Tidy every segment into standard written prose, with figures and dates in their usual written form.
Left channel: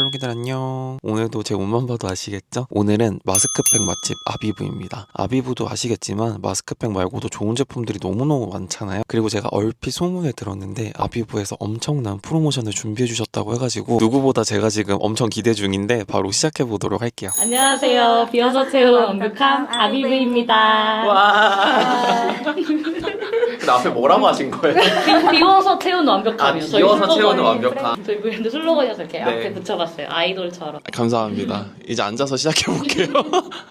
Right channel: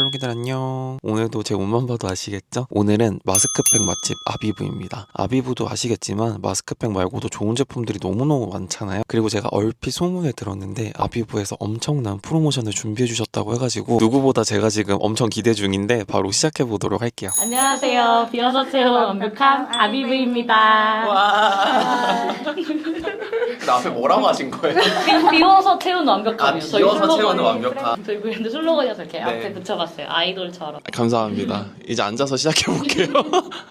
샬롬이들 안녕. 오늘도 제 옷만 봐도 아시겠죠? 오늘은 마스크팩 맛집 아비브입니다. 아비브도 아시겠지만 마스크팩 말고도 좋은 제품들이 너무너무 많잖아요. 그리고 제가 얼핏 소문을 들었는데 아비브에서 엄청난 프로모션을 준비해 주셨다고 해가지고 누구보다 제가 지금 엄청 기대 중인데 바로 시작해 보도록 할게요. 안녕하세요. 비어서 채우는 완벽한 아비브입니다. 와. 근데 앞에 뭐라고 하신 거예요? 비워서 채우는 완벽함이요. 저희 비워서 슬로건이. 채우는 완벽함. 저희 브랜드 슬로건이어서 이렇게 네. 앞에 붙여봤어요. 아이돌처럼. 감사합니다. 이제 앉아서 시작해 볼게요.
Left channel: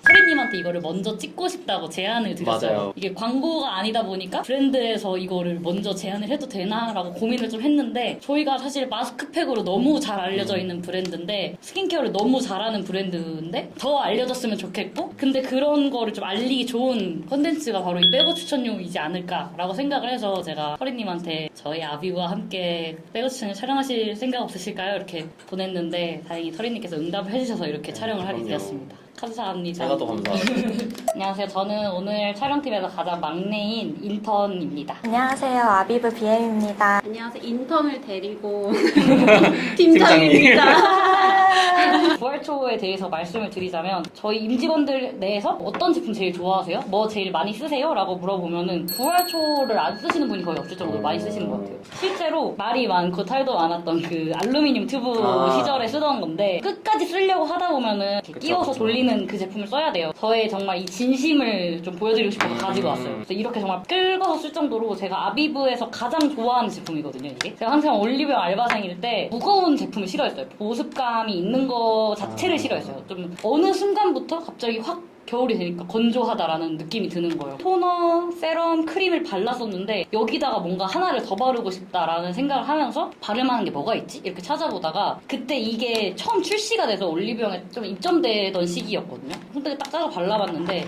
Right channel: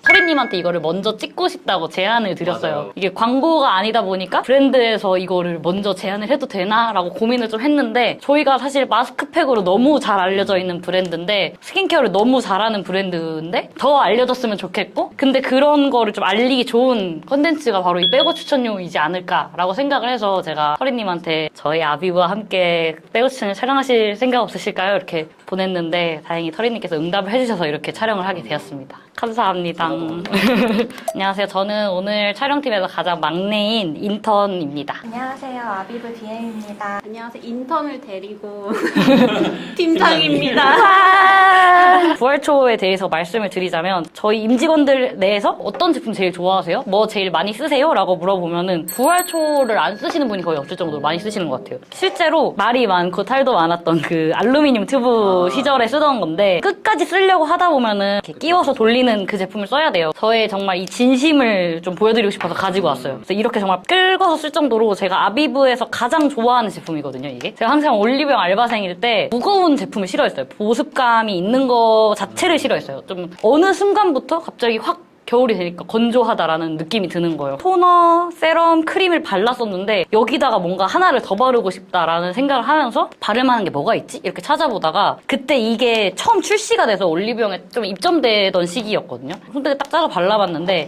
서리님한테 이거를 먼저 찍고 싶다고 제안을 드렸어요. 맞아요. 이게 광고가 아니다 보니까 브랜드에서 이거를 먼저 제안을 해도 되나라고 고민을 좀 했는데 저희가 사실 마스크팩으로 너무 잘 알려져 있는 브랜드인데 스킨케어를 너무 잘하는 브랜드인데 더 알려졌으면 좋겠고 근데 그런 거를 좀 알리기 좋은 컨텐츠가 바로 이 백어 추천용이지 않을까라고 생각을 해서 제가 서리님한테 저희 아비브와 함께 백어 추천을 촬영하실 생각 없으실까요? 이렇게 보냈는데 다행히 서리님께서 응답을 해주셔서 이렇게 촬영을 하게 되었습니다. 감사합니다. 제가 더 감사합니다. 안녕하세요. 저는 오늘 촬영팀에서 가장 막내인 인턴입니다. 안녕하세요. 아비브 BM입니다. 안녕하세요. 인턴을 데리고 팀장입니다. 부활초에 대해서 말씀을 드리자면 저희 임직원들 내에서 어떤 제품 제일 좋아하세요? 뭐 제일 많이 쓰세요? 라고 물어보면은 부활초를 안 쓰시는 분이 거의 없을 정도로 많이 쓰시는 것 같아요. 실제로 말이 많고 탈도 많았던 그 알루미늄 튜브 시절에 쓰던 건데 끝까지 쓰려고 하다 보면은 이렇게 끼워서 돌리는 그 제품을 써야 돼요. 저의 정말 이 진심을 좀 보여드리고 싶어서 가지고 왔어요. 그래서 이렇게 정말 끌고서 쓸 정도로 제가 아비브에서 가장 좋아하는 제품이거든요, 이게. 제가 항상 올리브영 알바생일 때 무거운 제품을 싫어했어요. 보습감이 있는 거 자체를 싫어했어요. 좀 어느 순간부터 갑자기 확 겨울이 되니까 건조하다라는 느낌이 드는 거예요. 토너, 세럼, 크림을 발랐었는데 여기다가 뭔가 하나를 더 바르고 싶다라는 생각을 하면서 바를만한 게 뭐가 있지? 이렇게 찾아보다가 그때 이게 처음 출시가 돼서 올리브영에 좀 입점되던 시기였거든요. 근데 딱 짜서 발라봤는데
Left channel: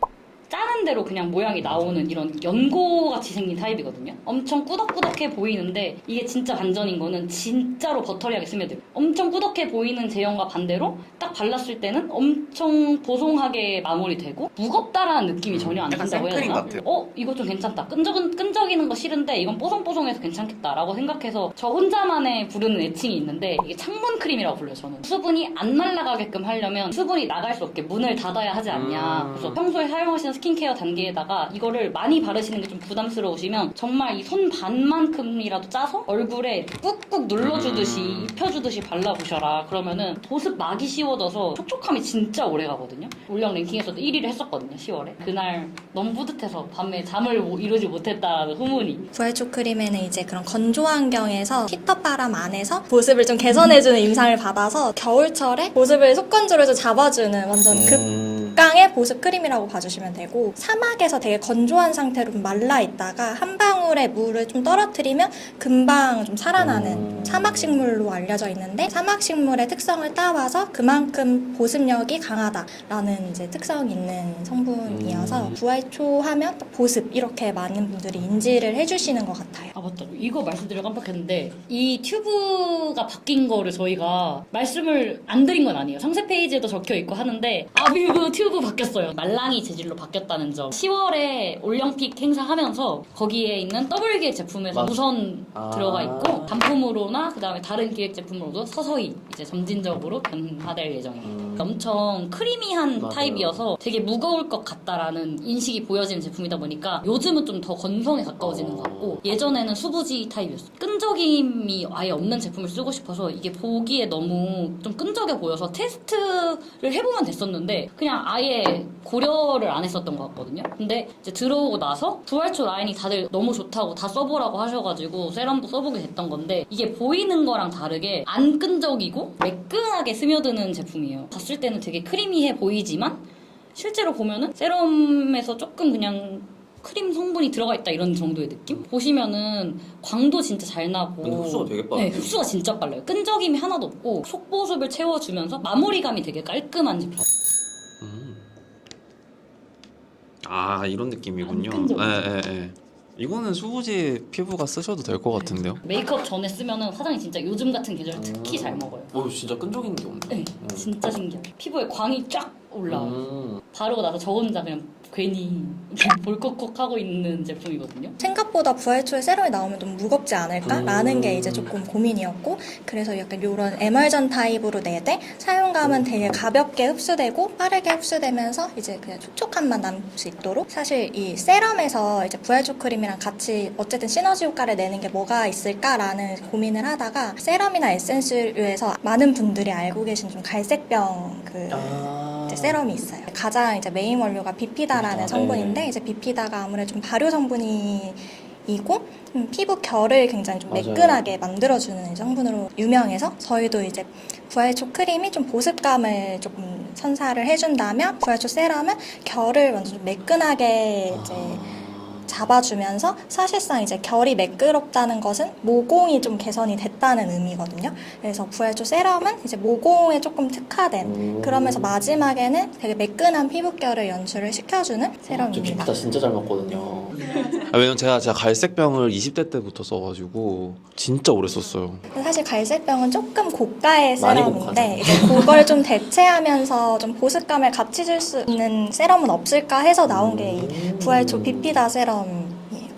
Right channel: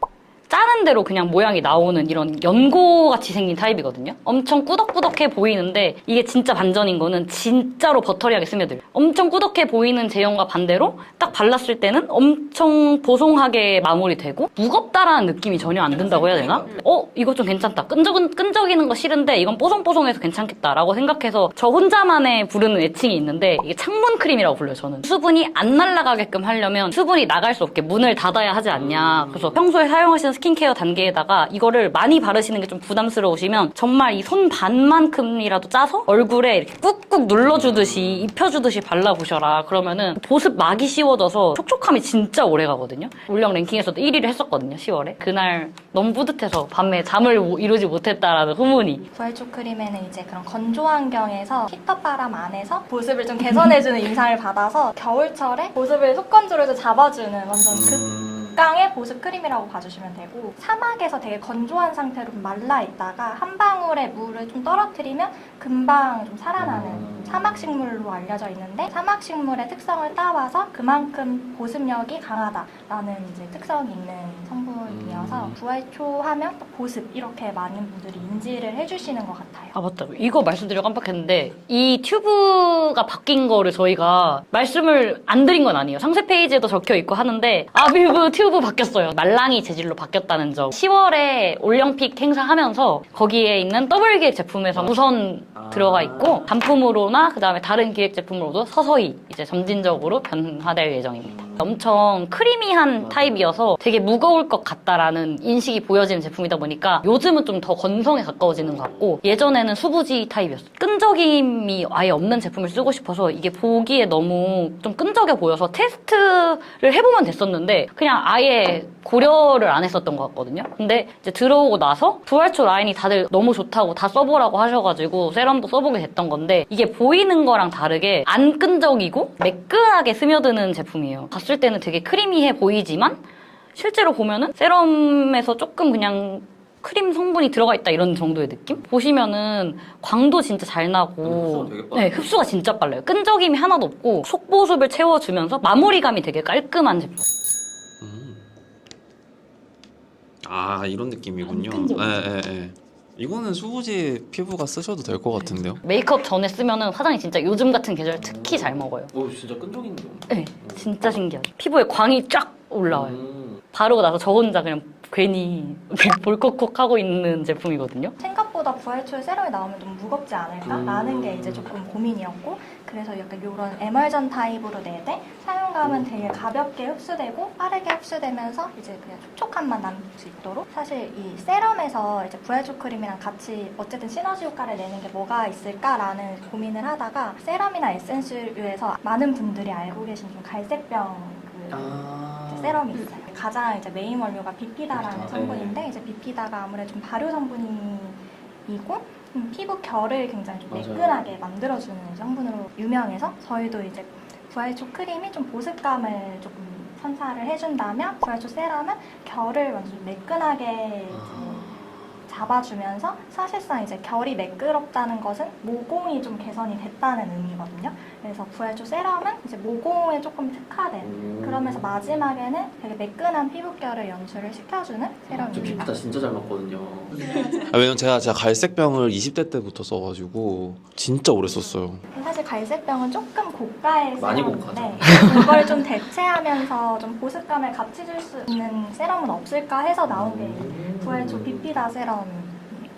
짜는 대로 그냥 모양이 나오는 이런 연고같이 생긴 타입이거든요. 엄청 꾸덕꾸덕해 보이는데 이게 진짜 반전인 거는 진짜로 버터리하게 스며들어요. 엄청 꾸덕해 보이는 제형과 반대로 딱 발랐을 때는 엄청 보송하게 마무리되고 무겁다라는 느낌이 전혀 안 든다고 해야 되나? 이거 좀 괜찮다. 끈적이는 거 싫은데 이건 뽀송뽀송해서 괜찮겠다라고 생각해서 저 혼자만의 부르는 애칭이 있는데 이게 창문 크림이라고 불러요, 저는. 수분이 안 날아가게끔 하려면 수분이 나갈 수 없게 문을 닫아야 하지 않냐. 그래서 평소에 사용하시는 스킨케어 단계에다가 이거를 많이 바르시는 게 좀 부담스러우시면 정말 이 손 반만큼이라도 짜서 얼굴에 이렇게 꾹꾹 눌러주듯이 입혀주듯이 발라보셔라. 그러면은 보습 막이 씌워져서 촉촉함이 진짜 오래 가거든요. 울령 랭킹에서도 1위를 했었거든요, 10월에. 그날 너무 뿌듯해서 밤에 잠을 이루지 못했다라는 후문이. 부활초 크림에는 이제 그런 건조 환경에서 히터 바람 안에서 보습을 좀 개선해주는 임상을 받아서 겨울철에 보습을 속건조로 해서 잡아주는 완전 극강의 보습 크림이라고 봐주시면 되고 사막에서 되게 건조한 상태로 말라 있다가 한 방울의 물을 좀 떨어뜨리면 금방 좀 살아나는 사막식물로 알려져 있는데 사막식물의 특성을 따와서 그만큼 보습력이 강하다라는 이제 특성 있는 성분이어서 부활초 하면 또 보습 이렇게 많은 분들이 인지를 해주시는 것 같아요. 아 맞다, 이거 말씀드리고 깜빡했는데 이 튜브가 바뀐 거를 저희가 말씀을 안 드린 건 아니에요. 상세 페이지에도 적혀 있고 하는데 아비브 튜브 바뀌었어요. 말랑이 재질로 바뀌었다는 점. 10월에 올영픽 행사하면서 거기에 있는 더블 기획 제품에서 우선 들어가 있고 단품으로나 그 다음에 다른 기획 제품으로도 서서히 이제 점진적으로 변화될 예정입니다. 엄청 크리미한 타입이어서 되게 무거울 것 같다라는 인식이 보여지는 제품이다 보니까 요즘은 좀 더 건성에 가까워지는 것 같고 예전에는 수부지 타입이었어요. 끈적임이 아예 없는 제품을 쓰고 싶어서 이게 보기에 너무 좀 끈적여 보여서 테스트를 해보면 됐었는데 그냥 아예 고려를 안 했었던 것 같거든요. 근데 이제 들어오고 나서 부활초 라인이 다들 너무 좋다고 다 써보라고 하셔가지고 세럼도 써보게 됐던 건데 이게 보이는 거랑 다르게 안 끈적이고 매끈하게 스며드는 제품이에요. 봤을 때는 되게 크리미해 보이지만 실제로 보면은 세럼에서 조금 그냥 크림 성분이 들어가 있다 이런 정도의 느낌? 보시면은 광도 진짜 잘 나고 흡수가 되게 빨라요. 네, 흡수가 진짜 빨라요. 끈적임이 하나도 없고 속보습을 채워주면서 마무리감이 되게 깔끔한 제품. 아 이런 느낌이군요. 안 끈적이죠? 예. 이거는 수부지 피부가 쓰셔도 될 것 같은데요? 메이크업 전에 쓰면은 화장이 진짜 요즘 같은 계절 특히 잘 먹어요. 진짜 끈적이는 게 없네. 네, 진짜 신기하죠. 피부에 광이 쫙 올라와요. 바르고 나서 저 혼자 그냥 괜히 이렇게 볼컥컥하고 있는 제품이거든요. 생각보다 부활초에 세럼이 나오면 너무 무겁지 않을까라는 게 이제 조금 고민이었고, 그래서 약간 이런 에멀전 타입으로 내되 사용감은 되게 가볍게 흡수되고 빠르게 흡수되면서 이제 그냥 촉촉함만 남을 수 있도록, 사실 이 세럼에서 이제 부활초 크림이랑 같이 어쨌든 시너지 효과를 내는 게 뭐가 있을까라는 고민을 하다가 세럼이나 에센스류에서 많은 분들이 알고 계신 좀 갈색병 이제 세럼이 있어요. 가장 이제 메인 원료가 비피다라는 성분인데, 이제 비피다가 아무래도 좀 발효 성분이고 피부 결을 굉장히 좀 매끈하게 만들어주는 성분으로 유명해서, 저희도 이제 부활초 크림이 좀 보습감을 조금 선사를 해준다면 부활초 세럼은 결을 완전 좀 매끈하게 이제 잡아주면서, 사실상 이제 결이 매끄럽다는 것은 모공이 좀 개선이 됐다는 의미거든요. 그래서 부활초 세럼은 이제 모공에 조금 특화된, 그러면서 마지막에는 되게 매끈한 피부결을 연출을 시켜주는 세럼입니다. 나 진짜 잘 먹거든요. 왜냐면 제가 갈색병을 20대 때부터 써가지고 진짜 오래 썼어요. 근데 사실 갈색병은 조금 고가의 많이 세럼인데, 이제 그걸 좀 대체하면서 좀 보습감을 같이 줄 수 있는 세럼은 없을까 해서 나온 게 이 부활초 비피다 세럼이에요.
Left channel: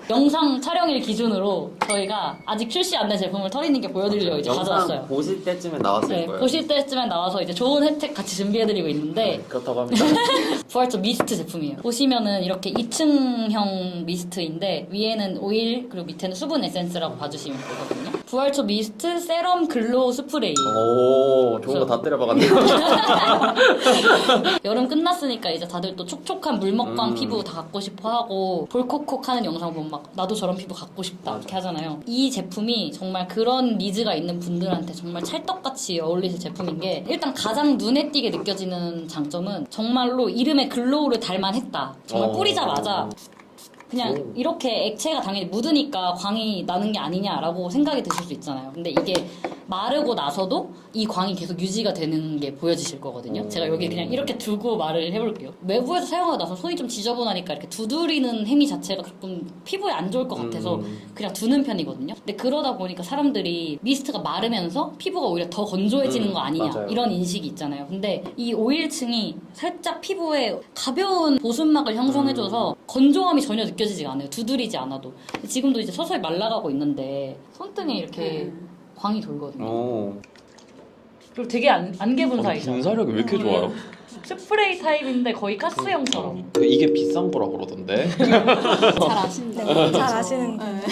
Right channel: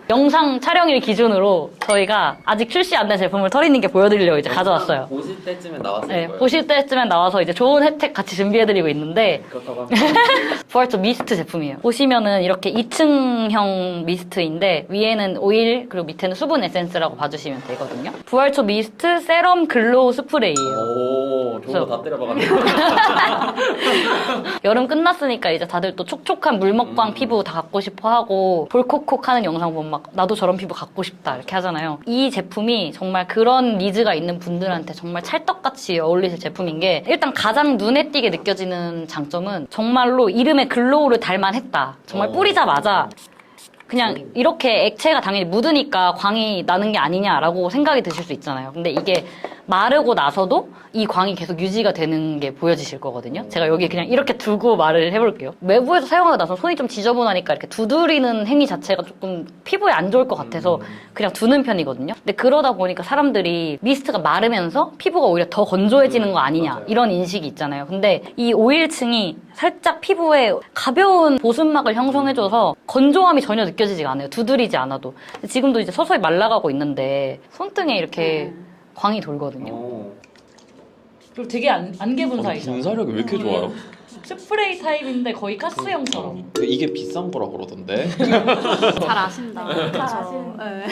영상 촬영일 기준으로 저희가 아직 출시 안 된 제품을 털이는 게 보여드리려고 이제 가져왔어요. 보실 때쯤에 나왔을 네, 거예요. 보실 때쯤엔 나와서 이제 좋은 혜택 같이 준비해드리고 있는데, 그렇다고 하면 부활초 미스트 제품이에요. 보시면은 이렇게 2층형 미스트인데 위에는 오일 그리고 밑에는 수분 에센스라고 봐주시면 되거든요. 부활초 미스트 세럼 글로우 스프레이예요. 오, 좋은 거 다 때려박았네. 여름 끝났으니까 이제 다들 또 촉촉한 물먹광 피부 다 갖고 싶어 하고 볼콕콕 하는 영상 보면 막 나도 저런 피부 갖고 싶다 이렇게 하잖아요. 이 제품이 정말 그런 니즈가 있는 분들한테 정말 찰떡같이 어울리실 제품인 게, 일단 가장 눈에 띄게 느껴지는 장점은 정말로 이름의 글로우를 닮아냈다. 정말 뿌리자마자 그냥 이렇게 액체가 당연히 묻으니까 광이 나는 게 아니냐라고 생각이 드실 수 있잖아요. 근데 이게 마르고 나서도 이 광이 계속 유지가 되는 게 보여지실 거거든요. 제가 여기 그냥 이렇게 두고 말을 해볼게요. 외부에서 사용하고 나서 손이 좀 지저분하니까 이렇게 두드리는 행위 자체가 조금 피부에 안 좋을 것 같아서 그냥 두는 편이거든요. 근데 그러다 보니까 사람들이 미스트가 마르면서 피부가 오히려 더 건조해지는 거 아니냐, 맞아요. 이런 인식이 있잖아요. 근데 이 오일층이 살짝 피부에 가벼운 보습막을 형성해줘서 건조함이 전혀 느껴지지가 않아요. 두드리지 않아도. 지금도 이제 서서히 말라가고 있는데 손등에 이렇게 광이 돌거든요. 그리고 되게 안개 분사이죠. 분사력이 왜 이렇게 좋아요? 스프레이 타입인데 거의 가스형처럼. 이게 비싼 거라 그러던데. 잘 아신다. 네, 잘 아시는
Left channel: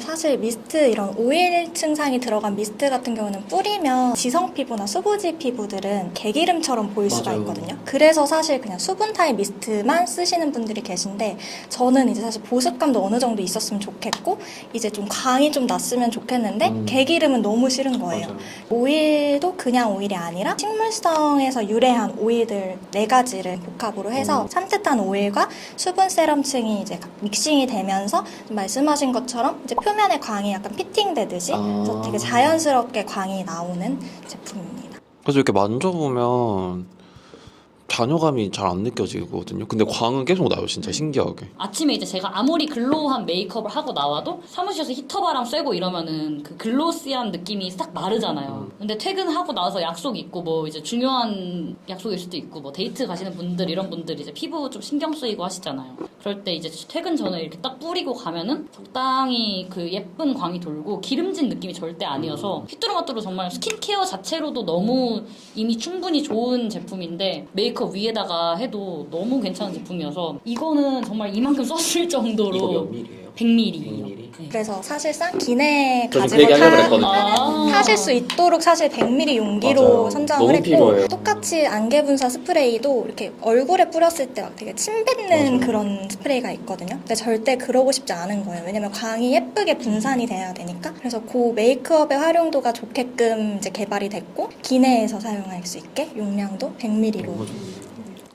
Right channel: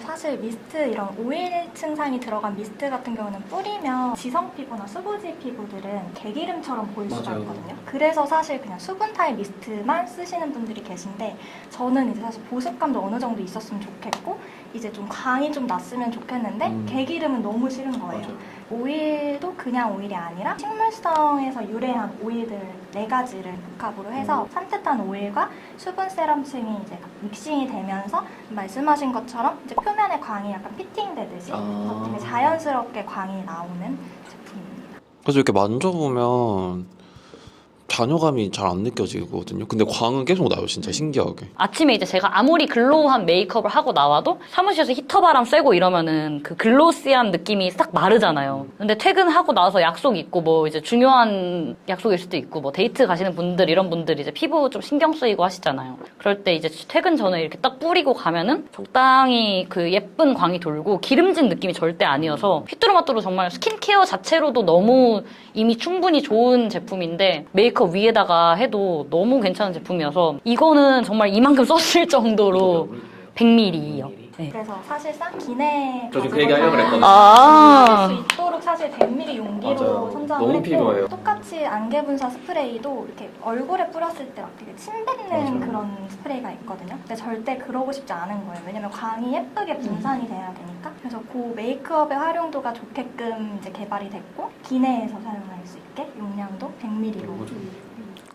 사실 미스트, 이런 오일 층상이 들어간 미스트 같은 경우는 뿌리면 지성 피부나 수부지 피부들은 개기름처럼 보일 수가 맞아요. 있거든요. 그래서 사실 그냥 수분 타입 미스트만 쓰시는 분들이 계신데, 저는 이제 사실 보습감도 어느 정도 있었으면 좋겠고 이제 좀 광이 좀 났으면 좋겠는데 개기름은 너무 싫은 거예요. 맞아요. 오일도 그냥 오일이 아니라 식물성에서 유래한 오일들 4가지를 복합으로 해서 산뜻한 오일과 수분 세럼층이 이제 믹싱이 되면서 말씀하신 것처럼 이제 표면에 광이 약간 피팅되듯이 그래서 되게 자연스럽게 광이 나오는 제품입니다. 그래서 이렇게 만져보면 잔여감이 잘 안 느껴지거든요. 근데 광은 계속 나요, 진짜 신기하게. 아침에 이제 제가 아무리 글로우한 메이크업을 하고 나와도 사무실에서 히터바람 쐬고 이러면은 그 글로시한 느낌이 싹 마르잖아요. 근데 퇴근하고 나서 약속 있고 뭐 이제 중요한 약속일 수도 있고 뭐 데이트 가시는 분들, 이런 분들이 이제 피부 좀 신경 쓰이고 하시잖아요. 그럴 때 이제 퇴근 전에 이렇게 딱 뿌리고 가면은 적당히 그 예쁜 광이 돌고 기름진 느낌이 절대 아니어서 휘뚜루마뚜루 정말 스킨케어 자체로도 너무 이미 충분히 좋은 제품인데, 메이크업 위에다가 해도 너무 괜찮은 제품이어서 이거는 정말 이만큼 썼을 정도로 100ml예요. 그래서 사실상 기내 저 지금 그 가지고 얘기 하려고 그랬거든요. 하실 수 있도록 사실 100ml 용기로 맞아요. 선정을 너무 했고, 필요해요. 똑같이 안개 분사 스프레이도 이렇게 얼굴에 뿌렸을 때 막 되게 침 뱉는 그런 스프레이가 있거든요. 근데 절대 그러고 싶지 않은 거예요. 왜냐면 광이 예쁘게 분산이 돼야 되니까. 그래서 그 메이크업의 활용도가 좋게끔 이제 개발이 됐고, 기내에서 사용할 수 있게 용량도 100ml로.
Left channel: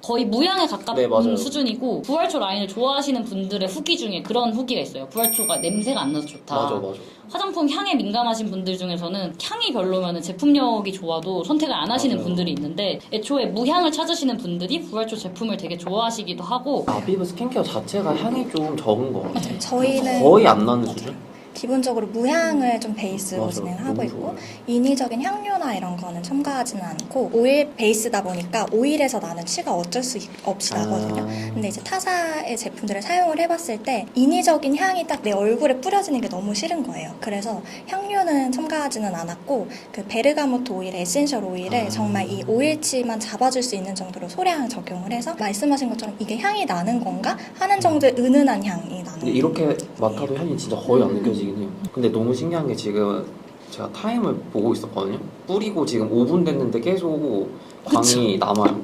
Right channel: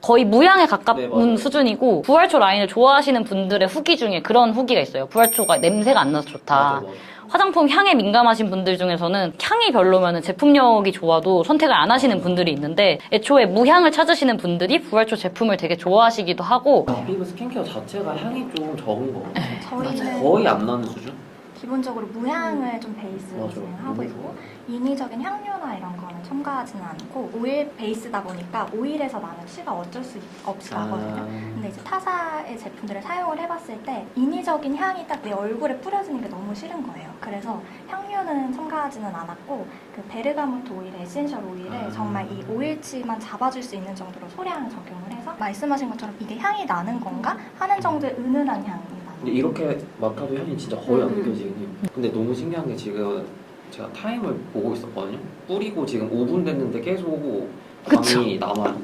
거의 무향에 가까운 네, 맞아요. 수준이고, 부활초 라인을 좋아하시는 분들의 후기 중에 그런 후기가 있어요. 부활초가 냄새가 안 나서 좋다. 맞아. 화장품 향에 민감하신 분들 중에서는 향이 별로면 제품력이 좋아도 선택을 안 하시는 분들이 있는데, 애초에 무향을 찾으시는 분들이 부활초 제품을 되게 좋아하시기도 하고. 아비브 스킨케어 자체가 향이 좀 적은 거 같아요. 저희는 거의 안 나는 수준? 기본적으로 무향을 좀 베이스로 맞아. 진행을 하고 너무 있고 인위적인 향료나 이런 거는 첨가하지는 않고 오일 베이스다 보니까 오일에서 나는 취가 어쩔 수 없이 나거든요. 근데 이제 타사의 제품들을 사용을 해봤을 때 인위적인 향이 딱 내 얼굴에 뿌려지는 게 너무 싫은 거예요. 그래서 향료는 첨가하지는 않았고 그 베르가모트 오일, 에센셜 오일을 정말 이 오일치만 잡아줄 수 있는 정도로 소량 적용을 해서 말씀하신 것처럼 이게 향이 나는 건가 하는 정도의 은은한 향이 나는 근데 거예요. 이렇게 맡아도 향이 진짜 거의 안 느껴지긴 해요. 근데 너무 신기한 게 지금 제가 타임을 보고 있었거든요. 뿌리고 지금 5분 됐는데 계속 광이 남아요.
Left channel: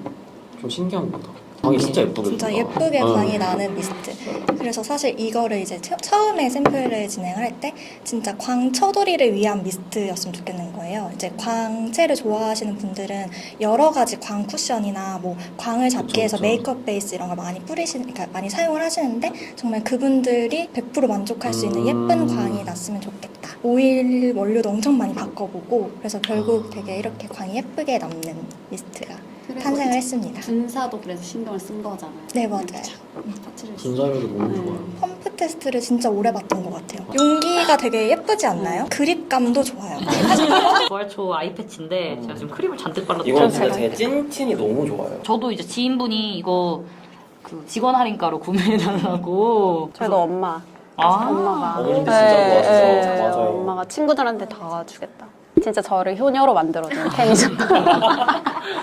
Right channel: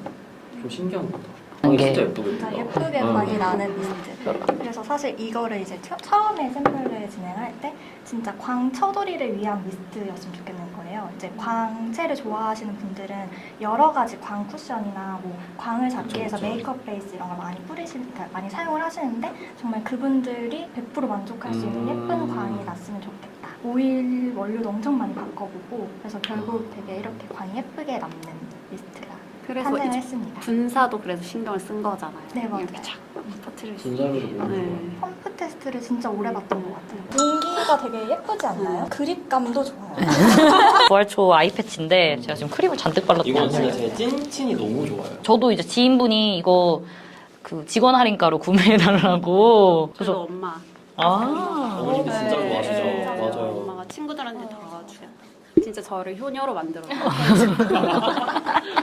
좀 신기한 것 같아요. 광이 진짜 예쁘게. 진짜 예쁘게 광이 나는 미스트. 그래서 사실 이거를 이제 처음에 샘플을 진행을 할 때 진짜 광 처돌이를 위한 미스트였으면 좋겠는 거예요. 이제 광채를 좋아하시는 분들은 여러 가지 광 쿠션이나 뭐 광을 잡기 위해서 그쵸. 메이크업 베이스 이런 걸 많이 그러니까 많이 사용을 하시는데 정말 그분들이 100% 만족할 수 있는 예쁜 광이 났으면 좋겠다. 오일 원료도 엄청 많이 바꿔보고 그래서 결국 되게 이렇게 광이 예쁘게 남는 미스트가 그래서 탄생을 이제 했습니다. 분사도 그래서 신경을 쓴 거잖아요. 네, 맞아요. 터치를 분사를 너무 좋아요. 펌프 테스트를 진짜 오래 봤던 것 같아요. 용기가 되게 예쁘지 않나요? 그립감도 좋아요. 부활초 아이 패치인데 제가 지금 크림을 잔뜩 발랐어요. 이건 진짜 제 찐친이 너무 좋아요. 저도 이제 지인분이 이거 그 직원 할인가로 구매해달라고. 저도 엄마. 아, 엄마가. 어머님도 진짜 좋아하시죠? 네, 맞아요. 엄마가 친구들한테 다 주겠다. 진짜 저를 효녀로 만들어줘요. 케미션.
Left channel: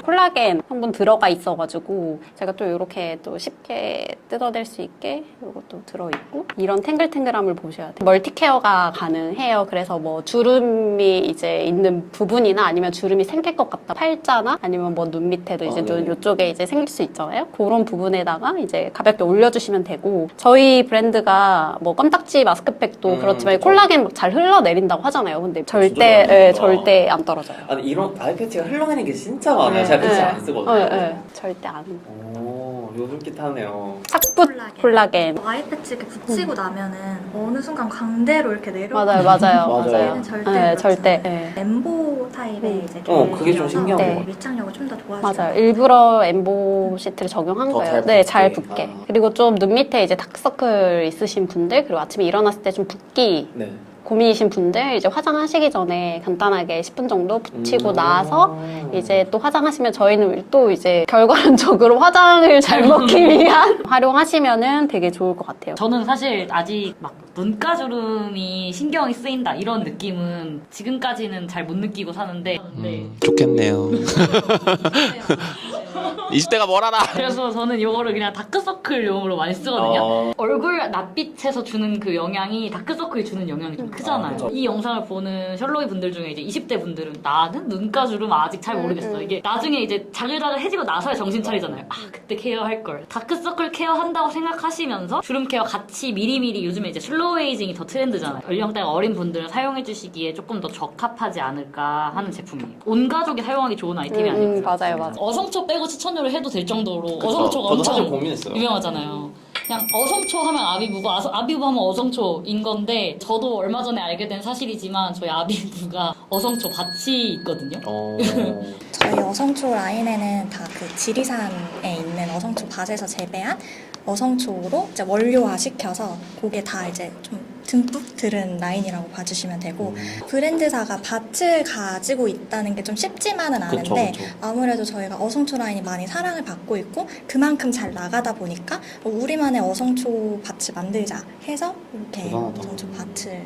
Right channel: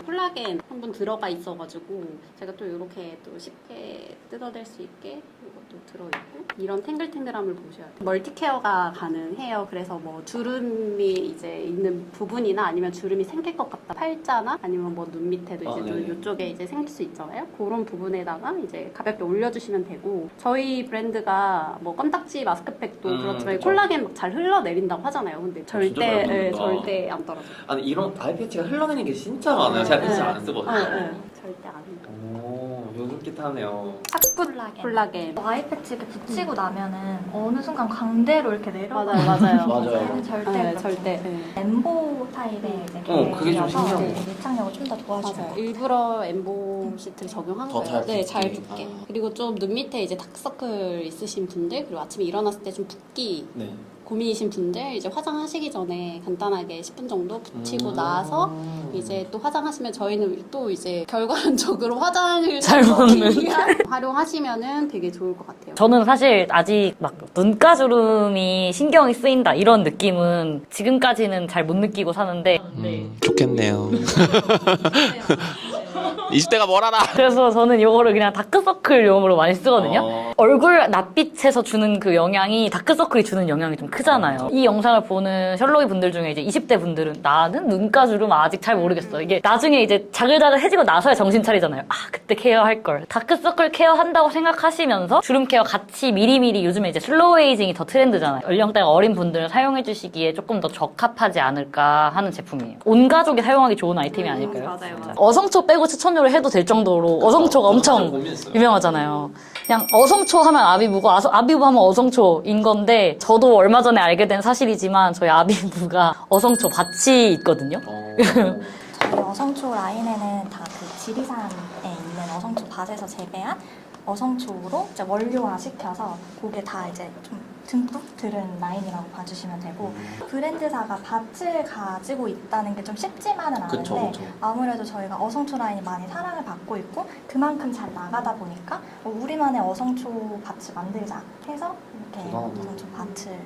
콜라겐 성분 들어가 있어가지고 제가 또 이렇게 또 쉽게 뜯어낼 수 있게 이것도 들어있고 이런 탱글탱글함을 보셔야 돼요. 멀티케어가 가능해요. 그래서 뭐 주름이 이제 있는 부분이나 아니면 주름이 생길 것 같다. 팔자나 아니면 뭐 눈 밑에도 이제 눈 네네. 이쪽에 이제 생길 수 있잖아요. 그런 부분에다가 이제 가볍게 올려주시면 되고 저희 브랜드가 뭐 껌딱지 마스크팩도 그렇지만 그쵸. 콜라겐 막 잘 흘러내린다고 하잖아요. 근데 진짜 절대 잘 흘러내린다. 절대 안 떨어져요. 아니 이런 아이패치가 흘러내리는 게 진짜 많아요. 제가 패치 안 쓰거든요. 절대 안. 오, 요술깃하네요. 착붙 콜라겐. 아이 패치 이렇게 붙이고 나면은 어느 순간 광대로 이렇게 내려가. 맞아요. 맞아요. 절대 네, 그렇죠. 절대. 네. 엠보 타입의 이제 그게 좀 신기한 네. 것 같아요. 밀착력을 좀 더 도와주는 맞아요. 것 일부러 엠보 시트를 적용한 더 거예요. 잘 네, 잘 붙게. 붙게. 아. 그리고 좀 눈 밑에 이제 다크서클 있으신 분들, 그리고 아침에 일어났을 때 좀 붓기 네. 고민이신 분들 이제 화장하시기 전에 간단하게 10분 정도 붙이고 나서 이제 또 화장하시면 저희는 또 이제 결과론적으로 화장을 잘 먹기 위한 활용하시면은 되게 좋을 것 같아요. 저는 사실 아직 막 눈가주름이 신경이 쓰인다 이런 느낌은 지금까지는 잘 못 느끼고 사는데 좋겠네요. 20대가 뭘 알아? 그래서 저는 이거를 그냥 다크서클용으로 많이 쓰거든요. 어. 얼굴 낯빛에서 주는 그 영향이 다크서클이 주는 영향이 좀 크잖아요. 그렇죠. 이 영상을 보는 셜로이 분들 중에 이제 20대 분들은 나는 눈가주름 아직 잘 모르겠어. 이게 나중에 이제 자글자글해지고 나서야 정신 차리잖아요. 아 그때 케어할 걸. 다크서클 케어한다고 생각하시면서 주름 케어 같이 미리미리 요즘에 이제 슬로우 에이징이 더 트렌드잖아요. 연령대가 어린 분들 사용해주시기에 조금 더 적합하지 않을까 하는 제품이에요. 온 가족이 사용하기 좋은 아이템이 아니고요. 맞아요. 어성초 빼고 추천료를 해도 될 정도로 어성초가 저도 사실 엄청 고민했어요. 유명하잖아요. 그냥 어성초 하면 아비부고 아비부 하면 어성초인 건데 저도 얼마 전에 알게 된 사실이지만 저희 아비부가 어성초 밭이 있거든요. 저희 어성초 라인에는 다 그 지리산에 있는 어성초 밭에서 재배한 어성초로 이제 원료화 시켜서 그게 다 이제 좀 듬뿍 들은 라인이라고 봐주시면 되고 브랜드사가 밭을 가지고 있다는 게 좀 쉽지만은 않은데 그쵸. 아무래도 저희가 어성초 라인이 많이 사랑을 받고 있고 그만큼 잘 나가다 보니까 우리만의 어성초 밭을 만들자 해서 이렇게 대단하다. 어성초 밭을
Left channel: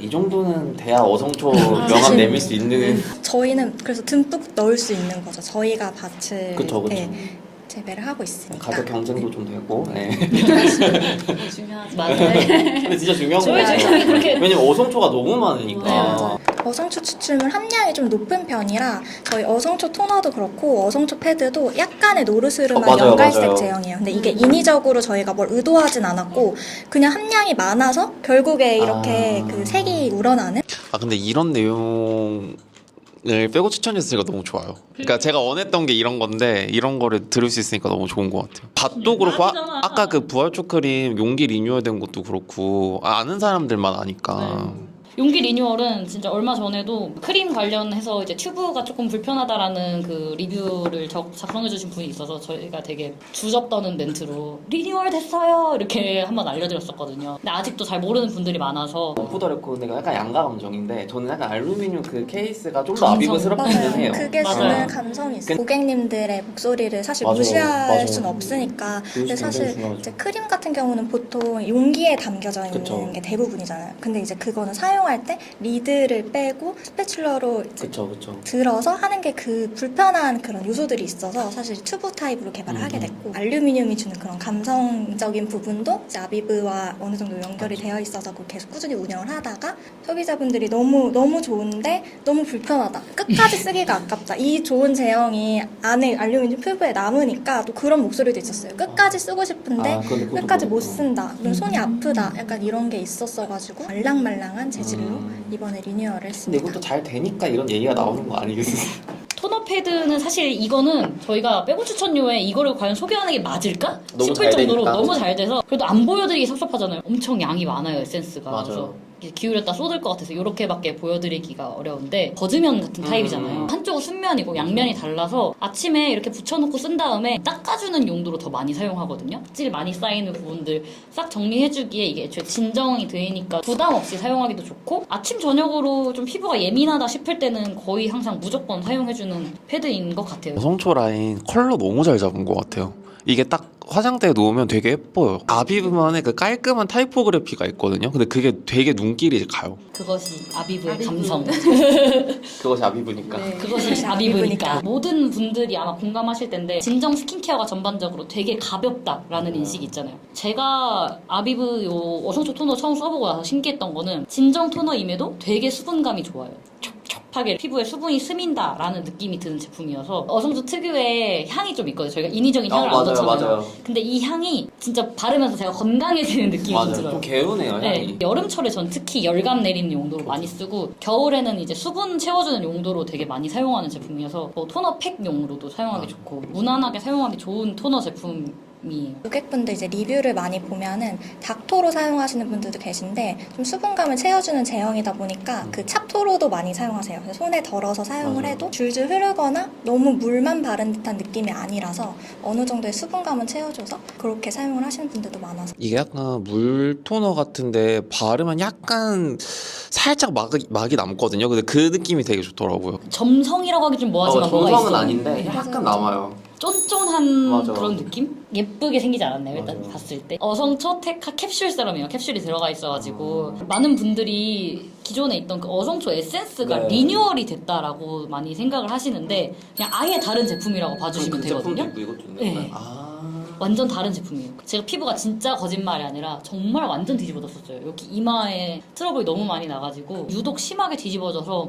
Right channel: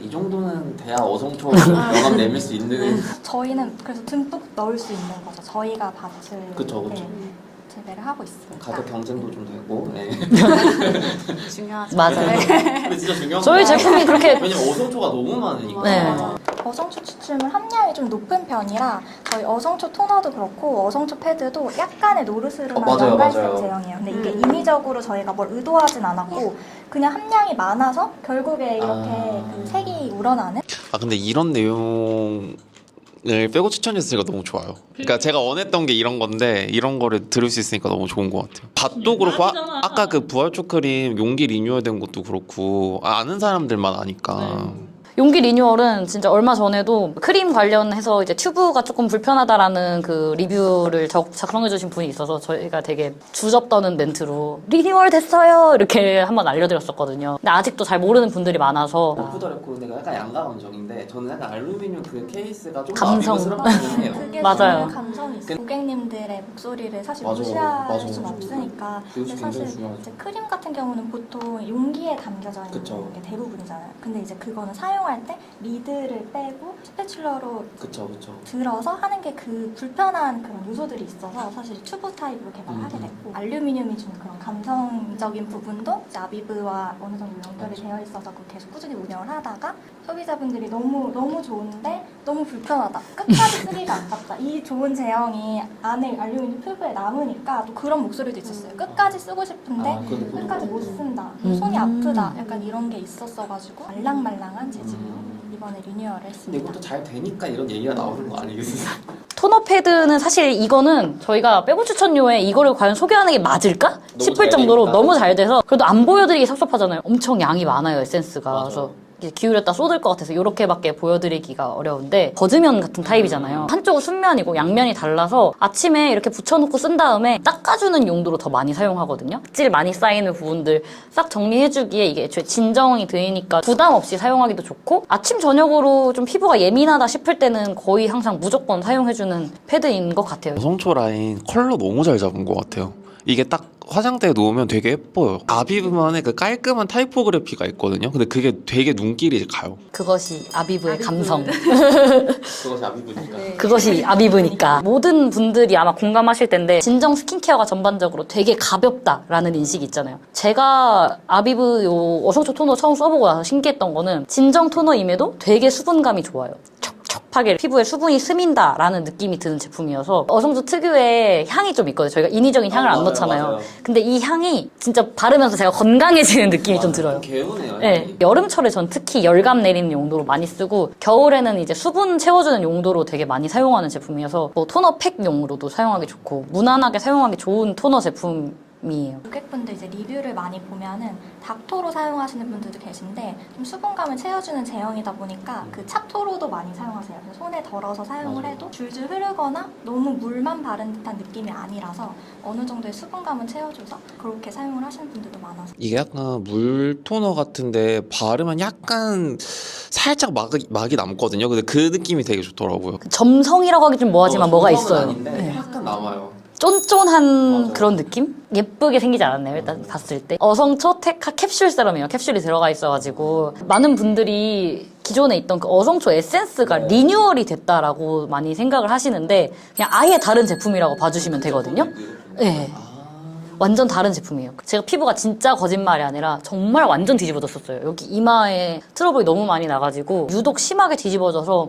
이 정도는 돼야 어성초 명함 내밀 수 있는. 저희는 그래서 듬뿍 넣을 수 있는 거죠. 저희가 밭을 그쵸. 네, 재배를 하고 있으니까. 가격 경쟁도 좀 되고. 네. 중요하죠. 맞아요. 근데 진짜 중요한 저희 거 제품이 그렇게 왜냐면 어성초가 너무 많으니까. 네. 맞아. 어성초 추출물 함량이 좀 높은 편이라 저희 어성초 토너도 그렇고 어성초 패드도 약간의 노르스름한 맞아요, 연갈색 맞아요. 제형이에요. 근데 이게 인위적으로 저희가 뭘 의도하진 않았고 그냥 함량이 많아서 결국에 이렇게 그 색이 우러나는 아 근데 이런 내용을 빼고 추천해주니까 너무 좋아요. 그러니까 제가 원했던 게 이런 건데 이런 거를 들을 수 있으니까 너무 좋은 것 같아요. 밭도 그렇고 아까 그 부활초 크림 용기 리뉴얼된 것도 그렇고 아는 사람들만 아니까. 용기 리뉴얼은 진짜 얼마 전에도 크림 관련해서 이제 튜브가 조금 불편하다라는 그 리뷰를 작성해주신 분이 있어서 저희가 되게 주접 떠는 멘트로 리뉴얼 됐어요 이렇게 한번 알려드렸었거든요. 근데 아직도 잘 모르는 분들이 많아서 후더랬고 내가 약간 양가감정인데 저는 약간 알루미늄 그 케이스가 좀 더 감성. 아비브스럽긴 해요. 그게 맞아요. 주는 감성이 있어요. 고객님들의 목소리를 사실 맞아, 무시할 맞아. 수는 없으니까. 근데 그게 사실 굉장히 중요하죠. 이제 크림 같은 경우는 보통 용기에 담겨져 있는 그쵸. 게 대부분이잖아요. 근데 이제 그거는 사용할 때 리드를 빼고 스패츌러로 이제 그쵸. 들어서 하는 게 그 불편한 그런 요소들이 있어서 사실 튜브 타입으로 개발을 하게 됐고, 알루미늄이 주는 그런 감성적인 부분도 이제 아비브와 어느 정도 연결이 되어 있어서 그걸 계속 꾸준히 운영을 하다가 소비자분들이 너무 좋은데 너무 불편하다, 끝까지 쓰기가 아깝다, 이 좋은 제형이 안에 알루미늄 튜브에 남으니까 또 그런 목소리도 있었어요. 끝까지 쓰고 싶은데 끝까지 못 쓴다, 손이 아프다, 약간 이런 게 있었어가지고 말랑말랑한 재질로 이번에 리뉴얼을 근데 했습니다. 이것도 잘 되니까 이런 얘기가 나오는 거 아니겠어요? 토너 패드는 사실 이거는 저희가 빼고 추천료에 이거를 과연 소개하는 게 맞을까 너무 싶을 잘 정도로 되니까. 너무 잘 돼서, 그래도 안 보여드리기 섭섭하잖아요. 엄청 양이 많아요, 에센스가. 맞아요. 그래서 이게 기울였다 쏟을 것 같아서 이렇게밖에 보여드리기가 어려운데, 버즈면 같은 타입이잖아요. 한쪽은 순면이고 양면이 달라서 아침에 이렇게 붙여놓고 쓴 다음에 닦아주는 용도로 더 많이 사용하거든요. 질 많이 쌓이는 부분들 싹 정리해주기에 이게 애초에 진정이 되니까 부담 없이 사용하기도 좋고, 아침 저녁으로 좀 피부가 예민하다 싶을 때는 거의 항상 무조건 사용해주는 패드인 것 같아요. 여성초 라인 컬러 너무 잘 잡은 것 같아요. 이게 딱 화장대에 놓으면 되게 예뻐요. 아비브만의 그 깔끔한 타이포그래피가 있거든요. 근데 그게 되게 눈길이 가요. 그것이 아비브의 감성. 그것이 아비브니까. 그것이 아비브니까. 모든 분들이 아마 공감하실 텐데, 진정 스킨케어가 전반적으로 되게 가볍다라는 인식이 있잖아요. 제가 아비브 요 어성초 토너 처음 써보고 나서 신기했던 거는, 진정 토너임에도 되게 수분감이 좋아요. 촉촉하게 피부에 수분이 스민다라는 느낌이 드는 제품이어서, 어성초 특유의 향이 좀 있거든요. 저희가 인위적인 향을 안 맞아요, 넣잖아요. 맞아요. 근데 이 향이 진짜 바르면서 제가 건강해지는 느낌이 좀 들어요. 개운해요. 네, 향이. 여름철에 전 특히 열감 내리는 용도로 많이 쓰고, 겨울에는 이제 수분 채워주는 용도로 되게 많이 사용하는 제품이어서 뭐 토너 팩용으로도 사용하기 좋고, 무난하게 사용하기 좋은 토너 제품이에요. 고객분들 이제 리뷰를 많이 보면은 닥토로 사용하시는 분들도 계신데, 좀 수분감을 채워주는 제형이다 보니까 그 찹토로도 많이 사용하세요. 그래서 손에 덜어서 사용을 해도 줄줄 흐르거나 너무 물만 바른 듯한 느낌이 아니라서 어느 정도의 수분감은 채워줘서 그렇게 사용을 하시는 분들도 많아서. 이게 약간 물 토너 같은데 바르면 약간 살짝 막이 남거든요. 근데 그 느낌이 되게 좋더라고요. 점성이라고 하기 좀 뭐하지만 뭐가 점성은 있어요. 아닌데 네. 약간 남아요. 쫀쫀한 맞아. 그런 느낌? 예쁘게 생기지 않았나요? 일단 봤을 때. 어성초 테카 캡슐 세럼이에요. 캡슐이 들어가 있어가지고 많은 분들이 기존에 있던 그 어성초 에센스가 네. 리뉴얼이 됐다라고 많이 생각을 하시는데, 그냥 아예 다른 제품이라고 봐주시면 되거든요. 네. 완전 다른 제품이에요. 제가 피부가 진짜 거짓말이 아니라 정말 완전 뒤집어졌었어요. 여기 이마에 트러블이 너무 많이 나가지고 유독 심하게 뒤집어져서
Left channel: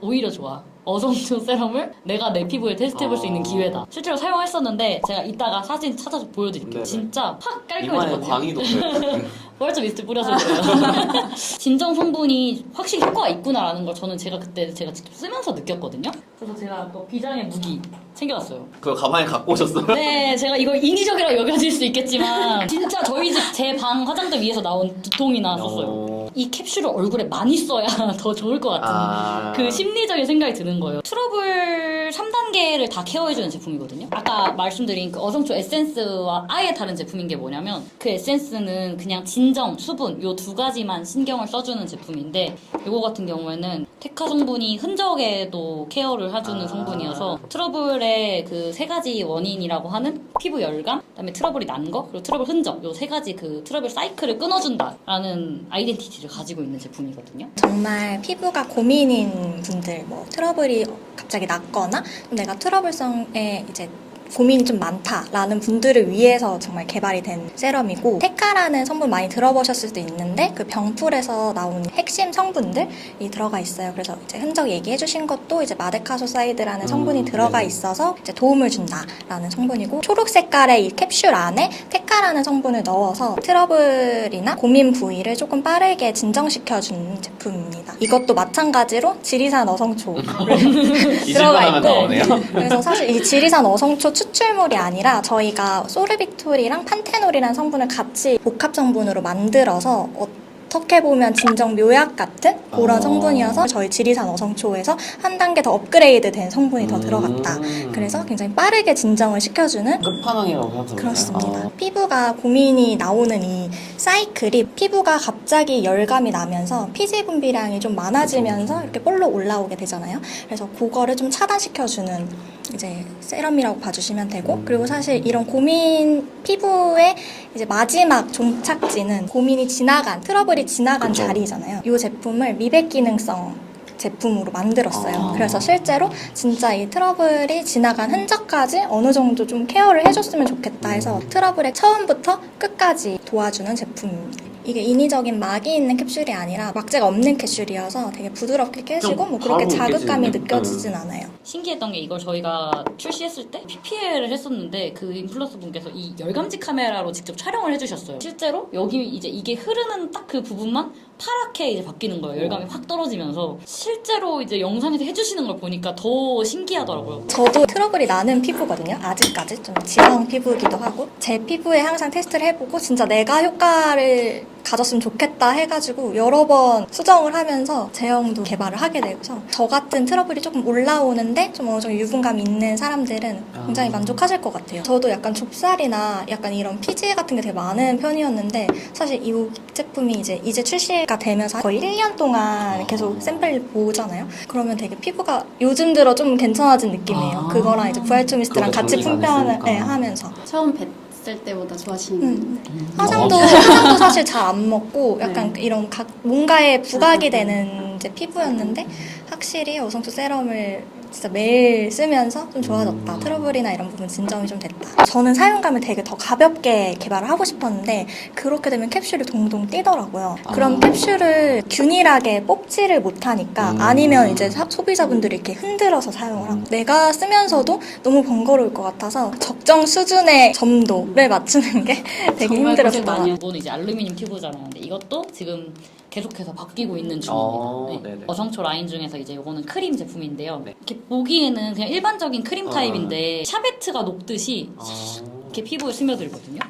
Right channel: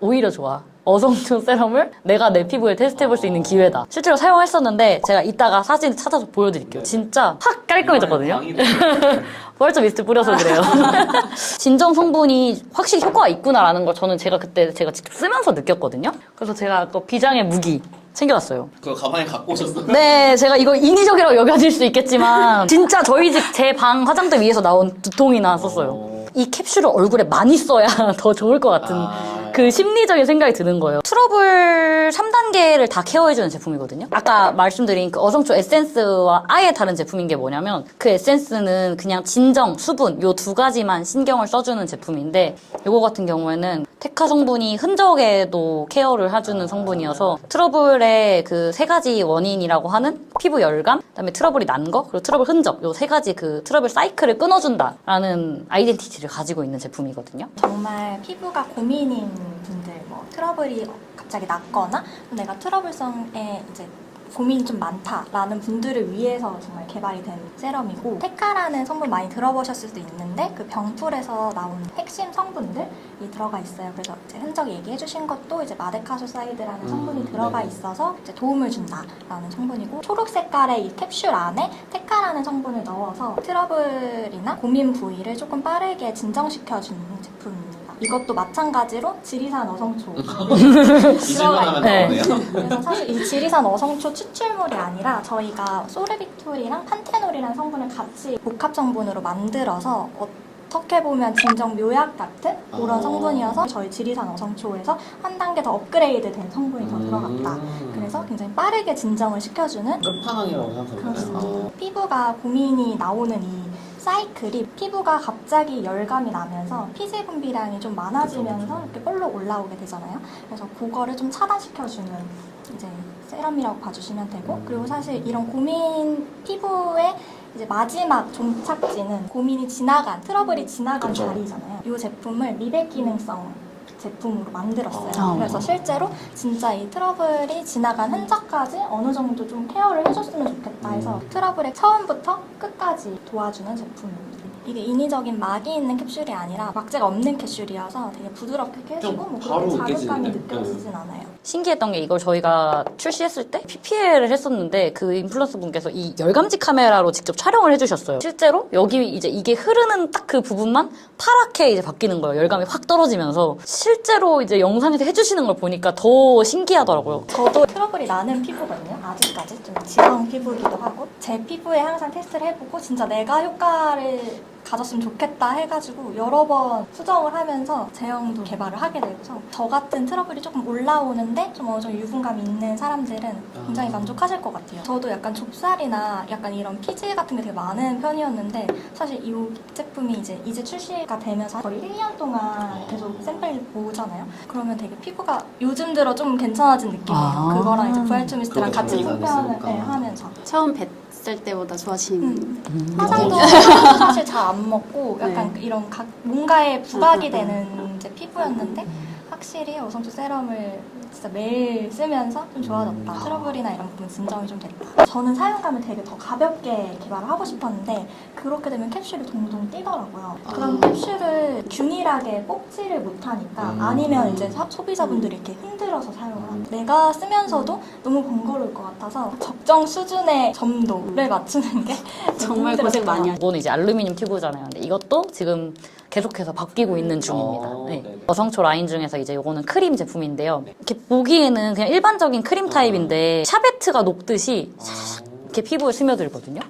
오히려 좋아. 어성초 세럼을 내가 내 피부에 테스트해볼 수 있는 기회다. 실제로 사용했었는데 제가 이따가 사진 찾아서 보여드릴게요. 진짜 확 깔끔해졌거든요. 벌써 미스트 뿌려서 그래요. 진정 성분이 확실히 효과가 있구나라는 걸 저는 제가 직접 쓰면서 느꼈거든요. 그래서 제가 또 비장의 무기 챙겨왔어요. 그거 가만히 갖고 오셨어요? 네, 제가 이거 인위적이라고 여겨질 수 있겠지만 진짜 저희 집 제 방 화장대 위에서 나온 2통이나 썼어요. 이 캡슐을 얼굴에 많이 써야 더 좋을 것 같은 그 심리적인 생각이 드는 거예요. 트러블 3단계를 다 케어해주는 제품이거든요. 아까 말씀드린 그 어성초 에센스와 아예 다른 제품인 게 뭐냐면, 그 에센스는 그냥 진정, 수분 요 두 가지만 신경을 써주는 제품인데, 요거 같은 경우에는 테카 성분이 흔적에도 케어를 해주는 성분이어서 트러블의 그 세 가지 원인이라고 하는 피부 열감, 그다음에 트러블이 난 거, 그리고 트러블 흔적, 요 세 가지 그 트러블 사이클을 끊어준다라는 아이덴티티를 가지고 있는 제품이거든요. 정말 피부가 고민인 분들, 뭐 트러블이 갑자기 났거나 내가 트러블성에 이제 고민이 좀 많다라는 분들을 위해서 정말 개발이 된 세럼이고, 테카라는 성분 많이 들어보셨을 수도 있는데 그 병풀에서 나온 핵심 성분들이 들어가 있어요. 그래서 이제 흔적 얘기해 주신 것도 이제 마데카소사이드라는 성분이 들어가 있어서 이제 도움을 준다라는 성분이고, 초록 색깔의 이 캡슐 안에 테카라는 성분을 넣어서 트러블이나 고민 부위를 조금 빠르게 진정시켜주는 제품입니다. 이것도 마찬가지로 지리산 어성초 들어가 있고, 그래서 사실 이 지리산 어성초 추출물이 아니라 저희가 소르비톨이랑 판테놀이라는 성분을 같이 복합 성분으로 만들어서 어떻게 보면 진정 묘약 같은 그런 성분이어서 저희 지리산 어성초에서 한 단계 더 업그레이드 된 성분이 더 들어갔다. 그래서 굉장히 빠르게 진정을 시켜주는 끝판왕이라고 생각합니다. 그렇습니다. 피부가 고민이 나오는 이 사이클이 피부가 갑자기 열감이 나면서 피지 분비량이 좀 많아지면서 이렇게 볼록 올라오게 되잖아요. 그래서 그거를 좀 차단시켜주는 이제 세럼이라고 봐주시면 되고, 그리고 사실 이런 고민 피부의 이제 마지막 종착지는 고민이 지나간 트러블이 지나간 자리잖아요. 이 제품을 미백 기능성 제품으로 만들었어요. 그래서 실제로 진짜 이 트러블이 지나간 흔적까지 어느 정도 좀 케어를 해줬으면 좋겠다 해서 트러블의 처음부터 끝까지 도와주는 제품입니다. 이게 인위적인 막이 있는 캡슐이 아니라 막재가 없는 캡슐이어서 되게 부드럽게 깨지고 뭐 그렇게 바로 자극감이 깨지네. 느껴지진 않아요. 신기했던 게 이걸 저희가 출시했을 때 PPL을 했었는데 그 인플루언서 분께서 이 열감지 카메라로 직접 촬영을 해주셨어요. 실제로 여기 이제 이게 흐르는 딱 그 부분만 파랗게 이제 바뀌는 거예요. 열감이 확 떨어지면서 실제로 이제 영상에서 해주시는 걸 보니까 더 신기하더라고요. 저도 트러블이 나는 피부거든요. 아직까지 좀 지방 피부이기도 하고 제 피부에 항상 테스트를 해보고 진짜 내가 효과를 가졌으면 좋겠다 해가지고 여러 번 수정을 하면서 제형도 개발을 하게 되고서 저 같은 트러블이 조금 올라오는데 좀 어느 정도 유분감이 있는 사람들은 굉장히 만족하실 것 같아요. 저도 약간 좁쌀이나 약간 이런 피지 같은 게 되게 많은 편이었는데 사실 이 제품이 이제 출시가 되면서 거의 1년 동안 계속 샘플 보잖아요. 그러면 되게 피부가 요즘 들어 좀 괜찮아진 느낌이에요. 그거랑 이제 부활초 미스트랑 그거 같이 정리가 안 품평을 했으니까. 하면서 처음 뵀을 때보다 좋아하시는. 화장도 사실 잘 안 먹고 약간 이런 뭔가에 부각이 되는 이제 피부였는데 확실히 어성초 세럼을 진짜 매일 쓰면서 좀 좋아졌다. 트러블이나 이런 부분 진정이 좀 됐다. 저는 사용감을 되게 더 가볍게 개발을 하고 싶었는데 그렇게 되면 캡슐이 동동 뛰더라고요. 그럼 캡슐을 균일하게 뽑지를 못하니까 아니면 이제 소비자분들이 이렇게 흔들어서 사용을 하고 내가 쓰면서도 너무 번거로울 것 같아서 적정 수준의 점도를 맞추는 게 되게 정말 힘들었어요. 고생 많이 하셨어요. 이거는 이제 알루미늄 튜브잖아요. 근데 이것도 지금 계속해서 바뀌고 있는 중입니다. 아, 네. 네네. 어성초 라인 중에서 이제 이거는 크림 제품인데요. 이렇게 보기에는 그냥 일반적인 크림 타입인데 샤베트가 녹듯이 이렇게 피부에 스며들거든요.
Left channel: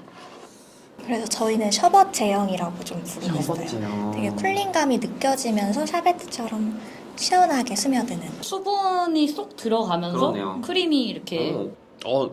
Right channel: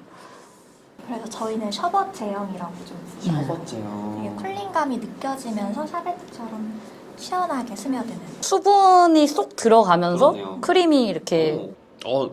그래서 저희는 셔벗 제형이라고 좀 부르거든요. 되게 쿨링감이 느껴지면서 샤베트처럼 시원하게 스며드는. 수분이 쏙 들어가면서 그러네요. 크림이 이렇게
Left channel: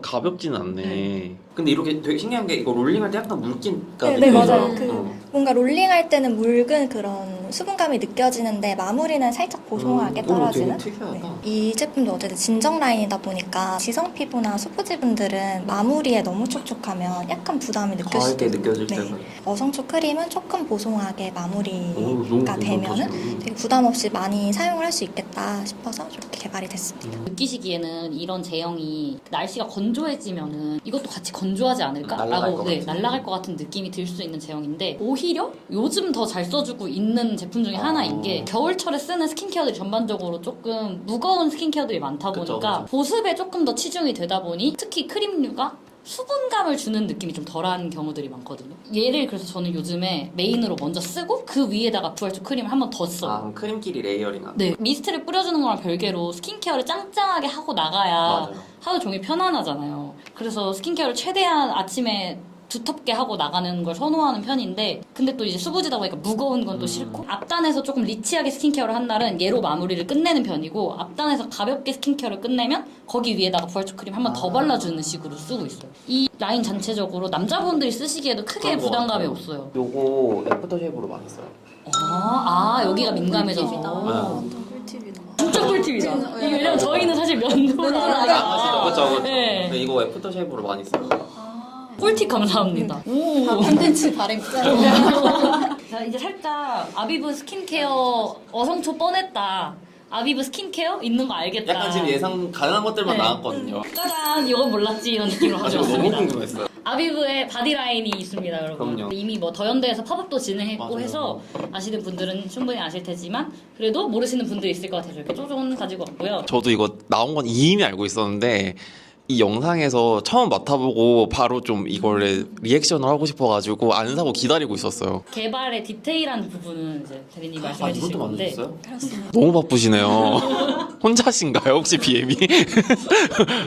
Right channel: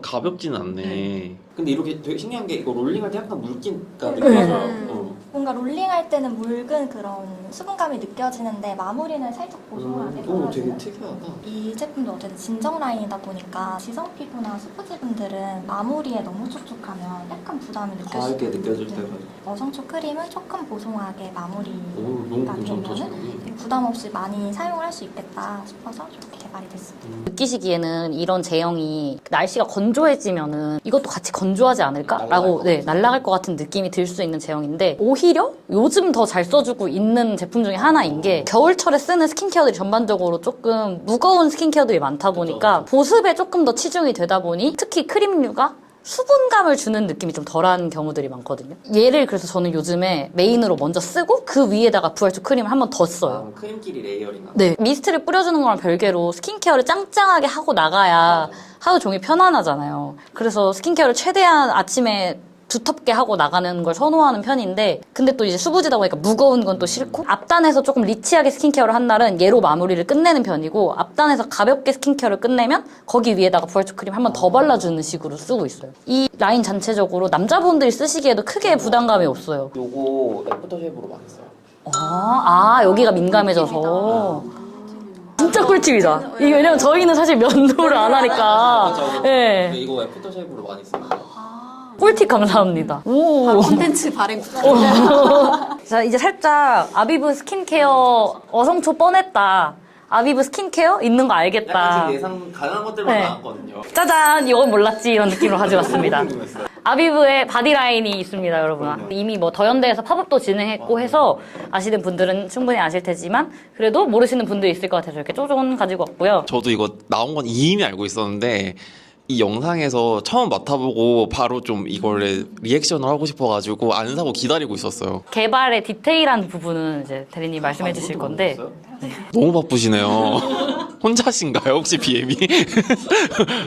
가볍진 않네. 근데 이렇게 되게 신기한 게 이거 롤링할 때 약간 물기가 네, 맞아요. 느껴져요. 뭔가 롤링할 때는 묽은 그런 수분감이 느껴지는데 마무리는 살짝 보송하게 떨어지는. 되게 특이하다. 이 제품도 어쨌든 진정 라인이다 보니까 지성 피부나 수부지분들은 마무리에 너무 촉촉하면 약간 부담이 느껴질 수도 과하게 있고. 느껴질 네. 때는. 어성초 크림은 조금 보송하게 마무리가 너무 되면은 좋다. 되게 부담 없이 많이 사용을 할 수 있겠다 싶어서 이렇게 개발이 됐습니다. 느끼시기에는 이런 제형이 날씨가 건조해지면은 이것도 같이 건조하지 날아갈 않을까라고 것 네, 같아요. 날아갈 것 같은 느낌이 들 수 있는 제형인데 오히려 요즘 더 잘 써주고 있는 제품 중에 하나인 게 겨울철에 쓰는 스킨케어들이 전반적으로 조금 무거운 스킨케어들이 많다 보니까 그쵸. 보습에 조금 더 치중이 되다 보니 특히 크림류가 수분감을 주는 느낌이 좀 덜한 경우들이 많거든요. 얘를 그래서 저는 요즘에 메인으로 먼저 쓰고 그 위에다가 부활초 크림을 한 번 더 써요. 크림끼리 레이어링 하는. 네, 미스트를 뿌려주는 거랑 별개로 스킨케어를 짱짱하게 하고 나가야 맞아요. 하루 종일 편안하잖아요. 그래서 스킨케어를 최대한 아침에 두텁게 하고 나가는 걸 선호하는 편인데 근데 또 이제 수부지다 보니까 무거운 건 또 싫고 앞단에서 조금 리치하게 스킨케어를 한 날은 얘로 마무리를 끝내는 편이고 앞단에서 가볍게 스킨케어를 끝내면 거기 위에다가 부활초 크림 한 번 더 발라주는 식으로 쓰고 있어요. 이 라인 전체적으로 남자분들이 쓰시기에도 크게 부담감이 없어요. 요거 애프터쉐이브로 많이 써요. 여기가 민감해져서 진짜 꿀팁이다. 이게 왜냐면 저희는 사실 면도를 안 하니까. 맞아. 네. 근데 이거 애프터쉐이브로 많이 써요. 꿀팁 감사합니다. 오. 콘텐츠 발행. 자, 이제 살짝 아비브 스킨케어 어성초 뻔했다. 아비브 스킨케어 있는 거 알겠다. 약간 지금 예상 가능한 것들만 네. 나왔거든요. 짜잔, 이건 몰랐지 이런 느낌으로 가져왔습니다. 궁금했어요. 아비브의 바디라인이 있습니다, 여러분. 그럼요. 이미 뭐 더현대에서 팝업도 진행했고 맞아요. 해서 아시는 분들은 충분히 아실 테지만 그래도 모르시는 분들이 있을 것 같아서 이렇게 쪼존 가지고 왔고요. 저도 이거 나온 건 이미 알고 있었는데 이 영상에서 처음 맡아보고 바로 좀 이걸 리액션을 하고 싶어가지고 안 사고 기다리고 있었어요. 개발의 디테일한 부분은 이제 대리님 말씀해 주실 이것도 건데 안 했어요? 너무 바쁘시네요. 혼자신가요 혹시 BM이?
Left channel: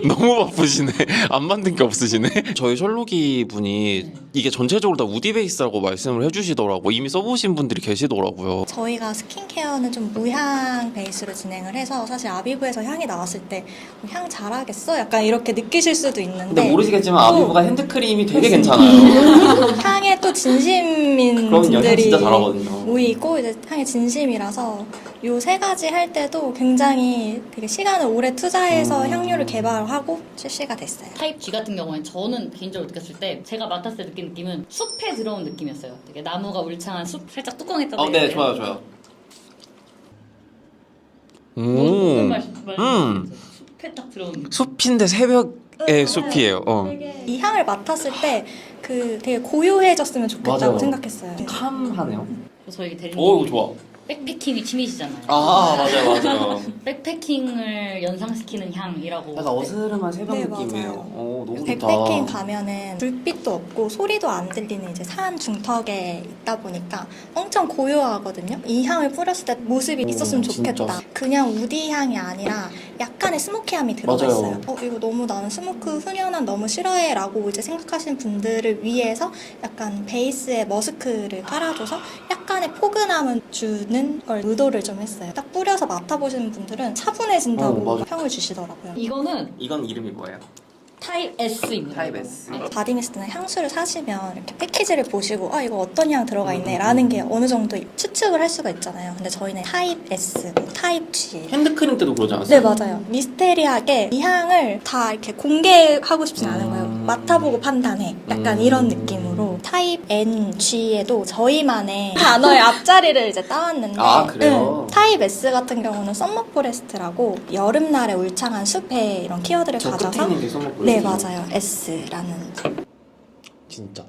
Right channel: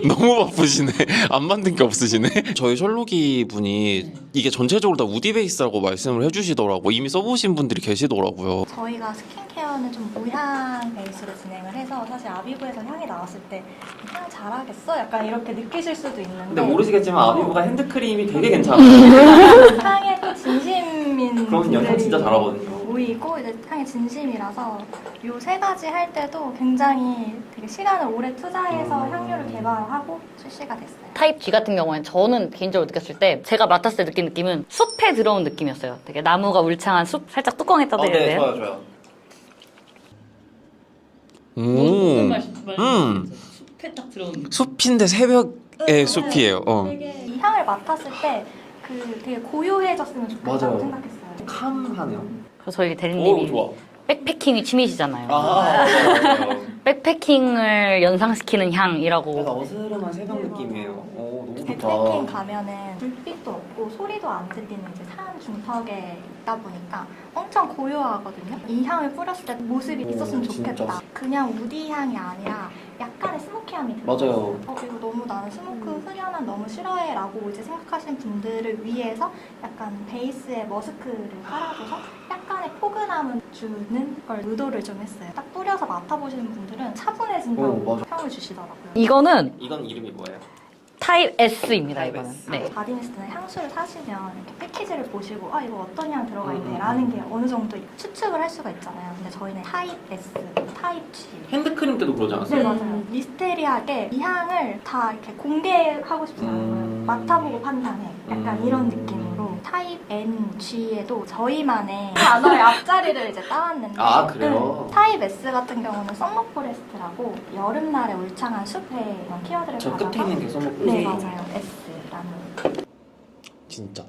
너무 바쁘시네. 안 만든 게 없으시네. 저희 셜록이 분이 이게 전체적으로 다 우디 베이스라고 말씀을 해주시더라고. 이미 써보신 분들이 계시더라고요. 저희가 스킨케어는 좀 무향 베이스로 진행을 해서 사실 아비브에서 향이 나왔을 때 향 잘하겠어? 약간 이렇게 느끼실 수도 있는데 근데 모르시겠지만 아비브가 핸드크림이 되게 괜찮아요. 향에 또 진심인 그럼요, 향 분들이 진짜 잘하거든요. 모이고 이제 향이 진심이라서 요 세 가지 할 때도 굉장히 되게 시간을 오래 투자해서 향료를 개발하고 출시가 됐어요. 타입 G 같은 경우에는 저는 개인적으로 느꼈을 때 제가 맡았을 때 느낀 느낌은 숲에 들어온 느낌이었어요. 되게 나무가 울창한 숲 살짝 뚜껑에 떠드는데요 네, 좋아요. 숲에 딱 들어온 느낌. 숲인데 새벽의 숲이에요. 되게 이 향을 맡았을 때 그 되게 고요해졌으면 좋겠다고 맞아요. 생각했어요. 캄하네요. 그래서 저희 오, 대리님이 좋아. 백패킹이 취미시잖아요. 맞아요. 백패킹을 연상시키는 향이라고. 약간 어스름한 새벽 네, 느낌이에요. 맞아요. 너무 좋다. 백패킹 가면은 불빛도 없고 소리도 안 들리는 이제 산 중턱에 있다 보니까 엄청 고요하거든요. 이 향을 뿌렸을 때 모습이 있었으면 좋겠다. 진짜. 그냥 우디 향이 아니라 약간의 스모키함이 들어가 있어요. 맞아요. 이거 너무 나는 스모크 훈연한 너무 싫어해라고 이제 생각하시는 분들을 위해서 약간 베이스에 머스크를 깔아줘서 약간의 포근함을 주는 걸 의도를 좀 했어요. 딱 뿌려서 맡아보시는 분들은 차분해진다고 맞아. 평을 주시더라고요. 이거는 이건 이름이 뭐예요? 타입 S입니다. 타입 이거는. S. 네. 바디미스트나 향수를 사시면 이렇게 패키지를 보시고 이거 어떤 향 들어가 있네 라는 게 어느 정도 추측을 할 수가 있잖아요. 근데 저희는 타입 S, 뭐 타입 G 핸드크림 때도 그러지 않았어요? 네 맞아요. 미스테리하게 이 향을 다 이렇게 공개하고 싶진 않은 거예요. 맡아보고 판단해. 약간 이런 느낌으로 타입 N, G에도 저희만의 단어의 앞자리를 이제 따왔는데 아, 그래요? 타입 S 같은 경우는 썸머 포레스트라고 여름날에 울창한 숲에 이런 키워드를 저 가져서 끝에 있는 게 써먹고 네 맞아요. S라는 진짜.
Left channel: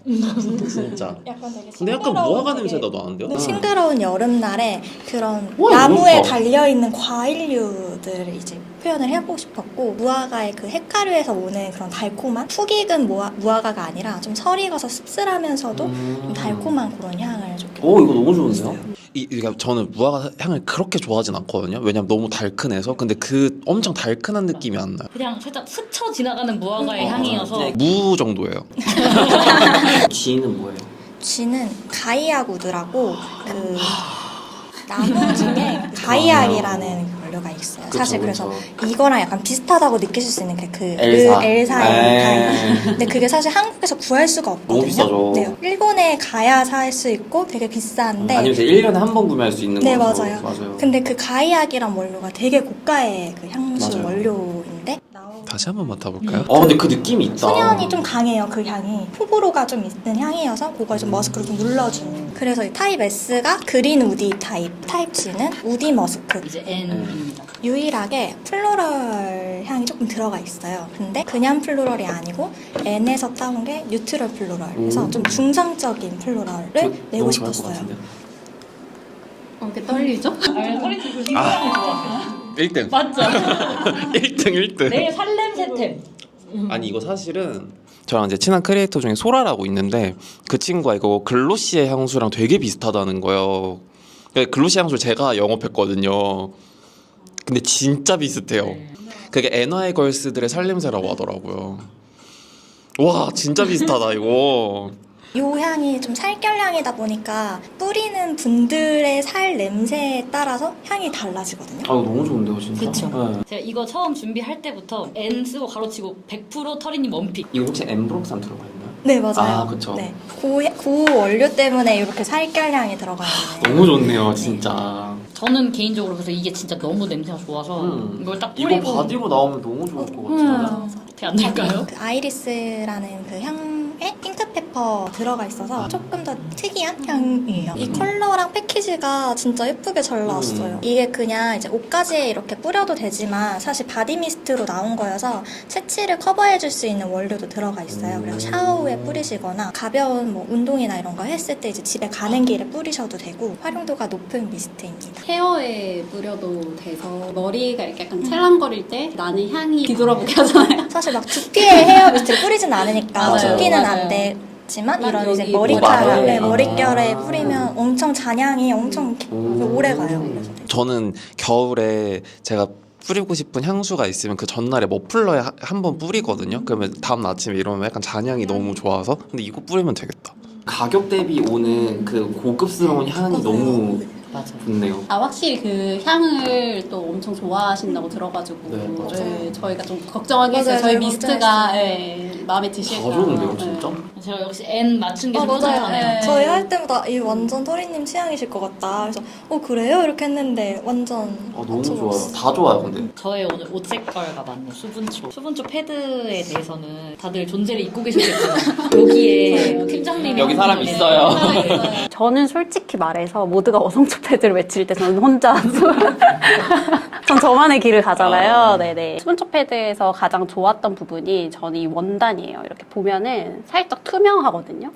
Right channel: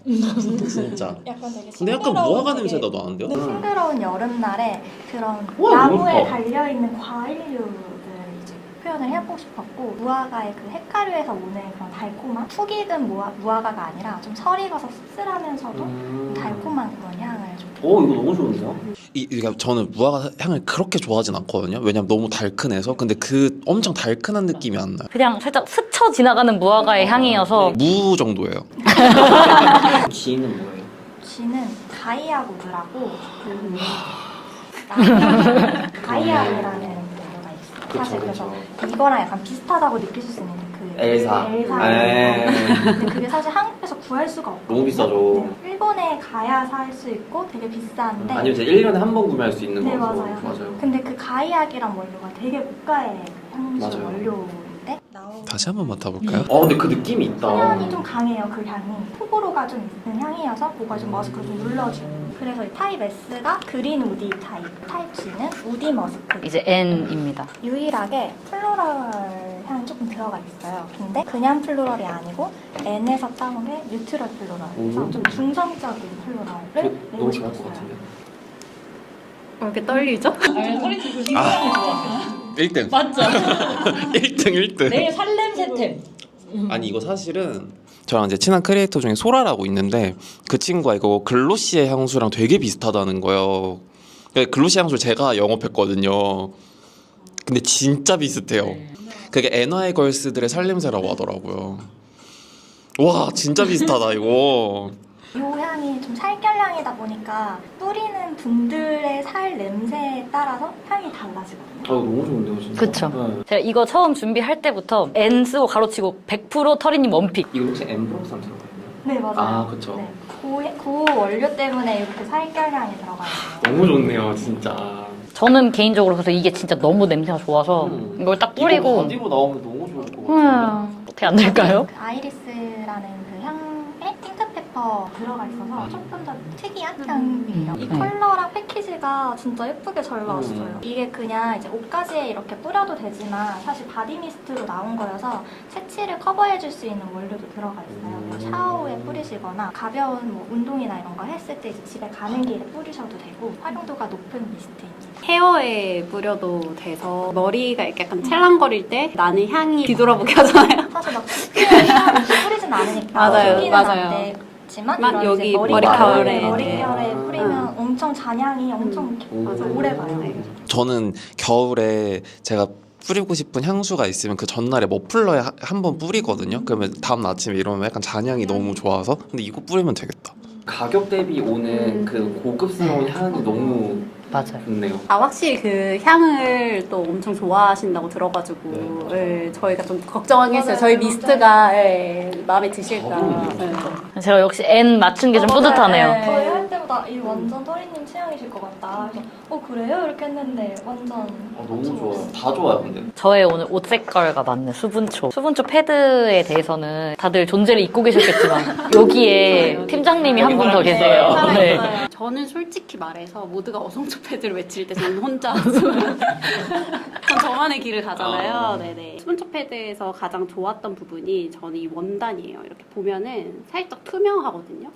진짜. 약간 되게 근데 약간 무화과 냄새가 나는데요? 네, 싱그러운 여름날에 그런 와, 나무에 너무 좋아. 달려있는 과일류들을 이제 표현을 해보고 싶었고 무화과의 그 핵가루에서 오는 그런 달콤한 푹 익은 무화과가 아니라 좀 설이 가서 씁쓸하면서도 좀 달콤한 그런 향을 좀 오, 이거 너무 좋은데요? 그러니까 저는 무화과 향을 그렇게 좋아하진 않거든요. 왜냐면 너무 달큰해서. 근데 그 엄청 달큰한 느낌이 안 나요. 그냥 살짝 스쳐 지나가는 무화과의 향이어서 무 정도예요. G는 뭐예요? G는 가이아구드라고 그 나무 중에 가이아리라는 원료가 있어요. 사실 그래서 이거랑 약간 비슷하다고 느끼실 수 있는 게 그 엘사. 엘사의 에이. 가야. 근데 그게 사실 한국에서 구할 수가 없거든요. 너무 비싸죠. 네, 일본에 가야 살 수 있고 되게 비싼데. 아니면 이제 1년에 한 번 구매할 수 있는 네 거죠. 맞아요. 근데 그 가이악이란 원료가 되게 고가의 그 향수 맞아요. 원료인데 다시 한번 맡아볼까요? 근데 그 느낌이 있다. 수면이 좀 강해요. 그 향이 호불호가 좀 있는 향이어서 그걸 좀 머스크로 좀 눌러주는. 그래서 이 타입 S가 그린 우디 타입, 타입 G는 우디 머스크. 이제 N입니다. 유일하게 플로럴 향이 조금 들어가 있어요. 근데 그냥 플로럴이 아니고 N에서 따온 게 뉴트럴 플로럴. 그래서 좀 중성적인 플로럴을 내고 싶었어요. 왜 이렇게 떨리죠? 소리치 그 신기함을 좋아하세요. 1등. 맞죠? 1등 1등. 내일 살냄새템. 아니 이거 사실은 저랑 이제 친한 크리에이터 중에 소라라고 있는데 그 친구가 이거 글로시의 향수랑 되게 비슷하다는 거예요. 글로시 향수 제가 영업했거든요. 근데 진짜 비슷해요. 그게 엔화의 걸스들의 살냄새라고 하더라고요. 와 진짜 비슷하다 이거. 이 향이 좀 살결향이다 보니까 뿌리는 분들의 살 냄새에 따라서 향이 달라지거든요. 너무 좋은데요, 진짜. 그쵸. 네. 제가 이거 처음 준비할 때부터 N 쓰고 가로치고 100% 터리님 원픽. 이거 혹시 엠브록산 들어가 있나요? 네 맞아요. 아, 그쵸. 네. 그 원료 때문에 이렇게 살결향이 들어가는 거예요. 너무 좋네요, 진짜. 저는 개인적으로 그래서 이게 진짜 너무 냄새가 좋아서 이걸 딱 이거 뿌리고 바디로 나오면 너무 좋을 것 같은데. 어떻게 안 될까요? 그 아이리스라는 그 향에 핑크페퍼 페퍼 들어가 있어서 조금 더 특이한 향이에요. 이 컬러랑 패키지가 진짜 예쁘게 잘 나왔어요. 이게 그냥 이제 옷가지에 이렇게 뿌려도 되지만 사실 바디 미스트로 나온 거여서 색칠을 커버해줄 수 있는 원료도 들어가 있어요. 그래서 샤워 후에 뿌리시거나 가벼운 뭐 운동이나 이런 거 했을 때 이제 집에 가는 길에 뿌리셔도 되고 활용도가 높은 미스트입니다. 헤어에 뿌려도 돼서 머리가 이렇게 약간 찰랑거릴 때 나는 향이 뒤돌아보게 하잖아요. 사실 막 두피에 헤어 미스트 뿌리진 않으니까 맞아요, 두피는 맞아요. 안 되지만 막 이런 이제 여기 머릿결에 머릿결에. 뿌리면 엄청 잔향이 엄청 오래 가요. 저는 겨울에 제가 뿌리고 싶은 향수가 있으면 그 전날에 머플러에 한 번 뿌리거든요. 그러면 다음 날 아침에 일어나면 약간 잔향이 너무 좋아서 근데 이거 뿌리면 되겠다. 가격 대비 오는 그 고급스러운 향이 너무 맞아요. 좋네요. 아 확실히 그 향을 또 엄청 좋아하신다고 들어가지고 네, 맞아요. 네, 저희가 좀 걱정하긴 했어요. 맞아요, 저희 저희 미스트가 마음에 드실까. 다 좋은데요, 네. 진짜? 제가 역시 N 맞춘 게 좀 뿌듯하네요. 네. 저희 할 때마다 이 완전 토리님 취향이실 것 같다. 그래서 그래요? 이렇게 했는데 완전 너무 좋아요. 다 좋아요, 근데. 저의 오늘 옷 색깔과 맞는 수분초. 수분초 패드에 대해서는 다들 존재를 잊고 계셨겠지만 여기에 팀장님이 한 분 더 사람 계세요. 있어요. 네. 저는 솔직히 말해서 모두가 어성초 패드를 외칠 때 저는 혼자 전 저만의 길을 가잖아요. 네네. 수분초 패드에서 가장 좋았던 부분이 저는 이 원단이에요. 이렇게 보면은 살짝 투명하거든요.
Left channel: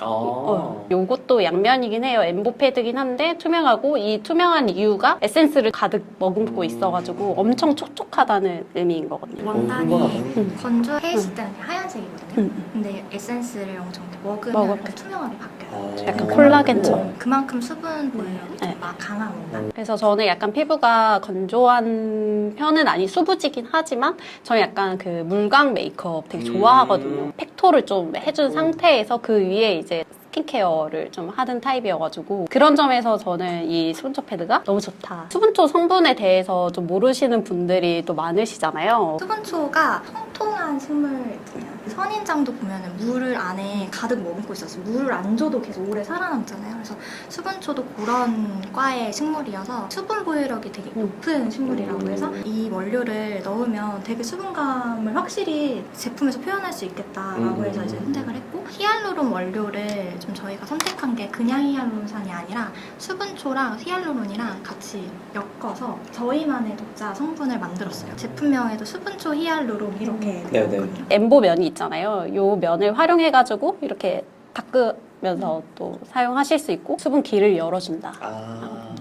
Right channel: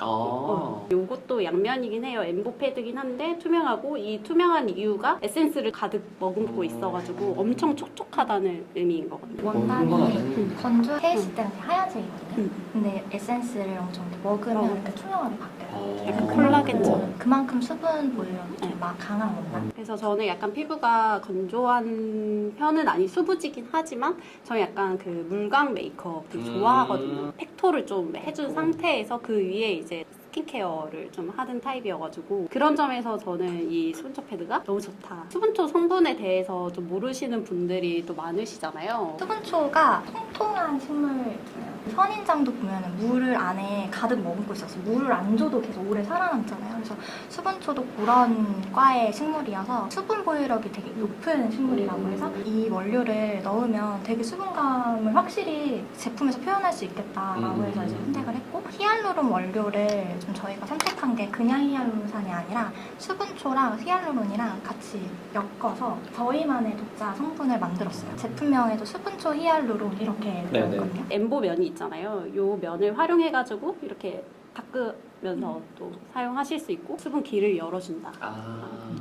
요것도 양면이긴 해요. 엠보 패드긴 한데 투명하고 이 투명한 이유가 에센스를 가득 머금고 있어가지고 엄청 촉촉하다는 의미인 거거든요. 원단이 건조해 있을 때는 하얀색이거든요. 근데 에센스를 엄청 이렇게 먹으면 이렇게 투명하게 바뀌어요. 약간 콜라겐처럼. 그만큼 수분 보여요. 네. 막 강한 원단. 그래서 저는 약간 피부가 건조한 편은 아니 수부지긴 하지만 저는 약간 그 물광 메이크업 되게 좋아하거든요. 팩토를 좀 해준 상태에서 그 위에 이제 스킨케어를 좀 하는 타입이어가지고 그런 점에서 저는 이 수분초 패드가 너무 좋다. 수분초 성분에 대해서 좀 모르시는 분들이 또 많으시잖아요. 수분초가 통통한 식물이에요. 선인장도 보면은 물을 안에 가득 머금고 있어서 물을 안 줘도 계속 오래 살아남잖아요. 그래서 수분초도 그런 과의 식물이어서 수분 보유력이 되게 높은 식물이라고 해서 이 원료를 넣으면 되게 수분감을 확실히 제품에서 표현할 수 있겠다라고 해서 이제 선택을 했고 히알루론 원료를 좀 저희가 선택한 게 그냥 히알루론산이 아니라 수분초랑 히알루론이랑 같이 엮어서 저희만의 독자 성분을 만들었어요. 제품명에도 수분초 히알루론 이렇게 나왔거든요. 엠보 면이 있잖아요. 요 면을 활용해가지고 이렇게 닦으면서 또 사용하실 수 있고 수분기를 열어준다.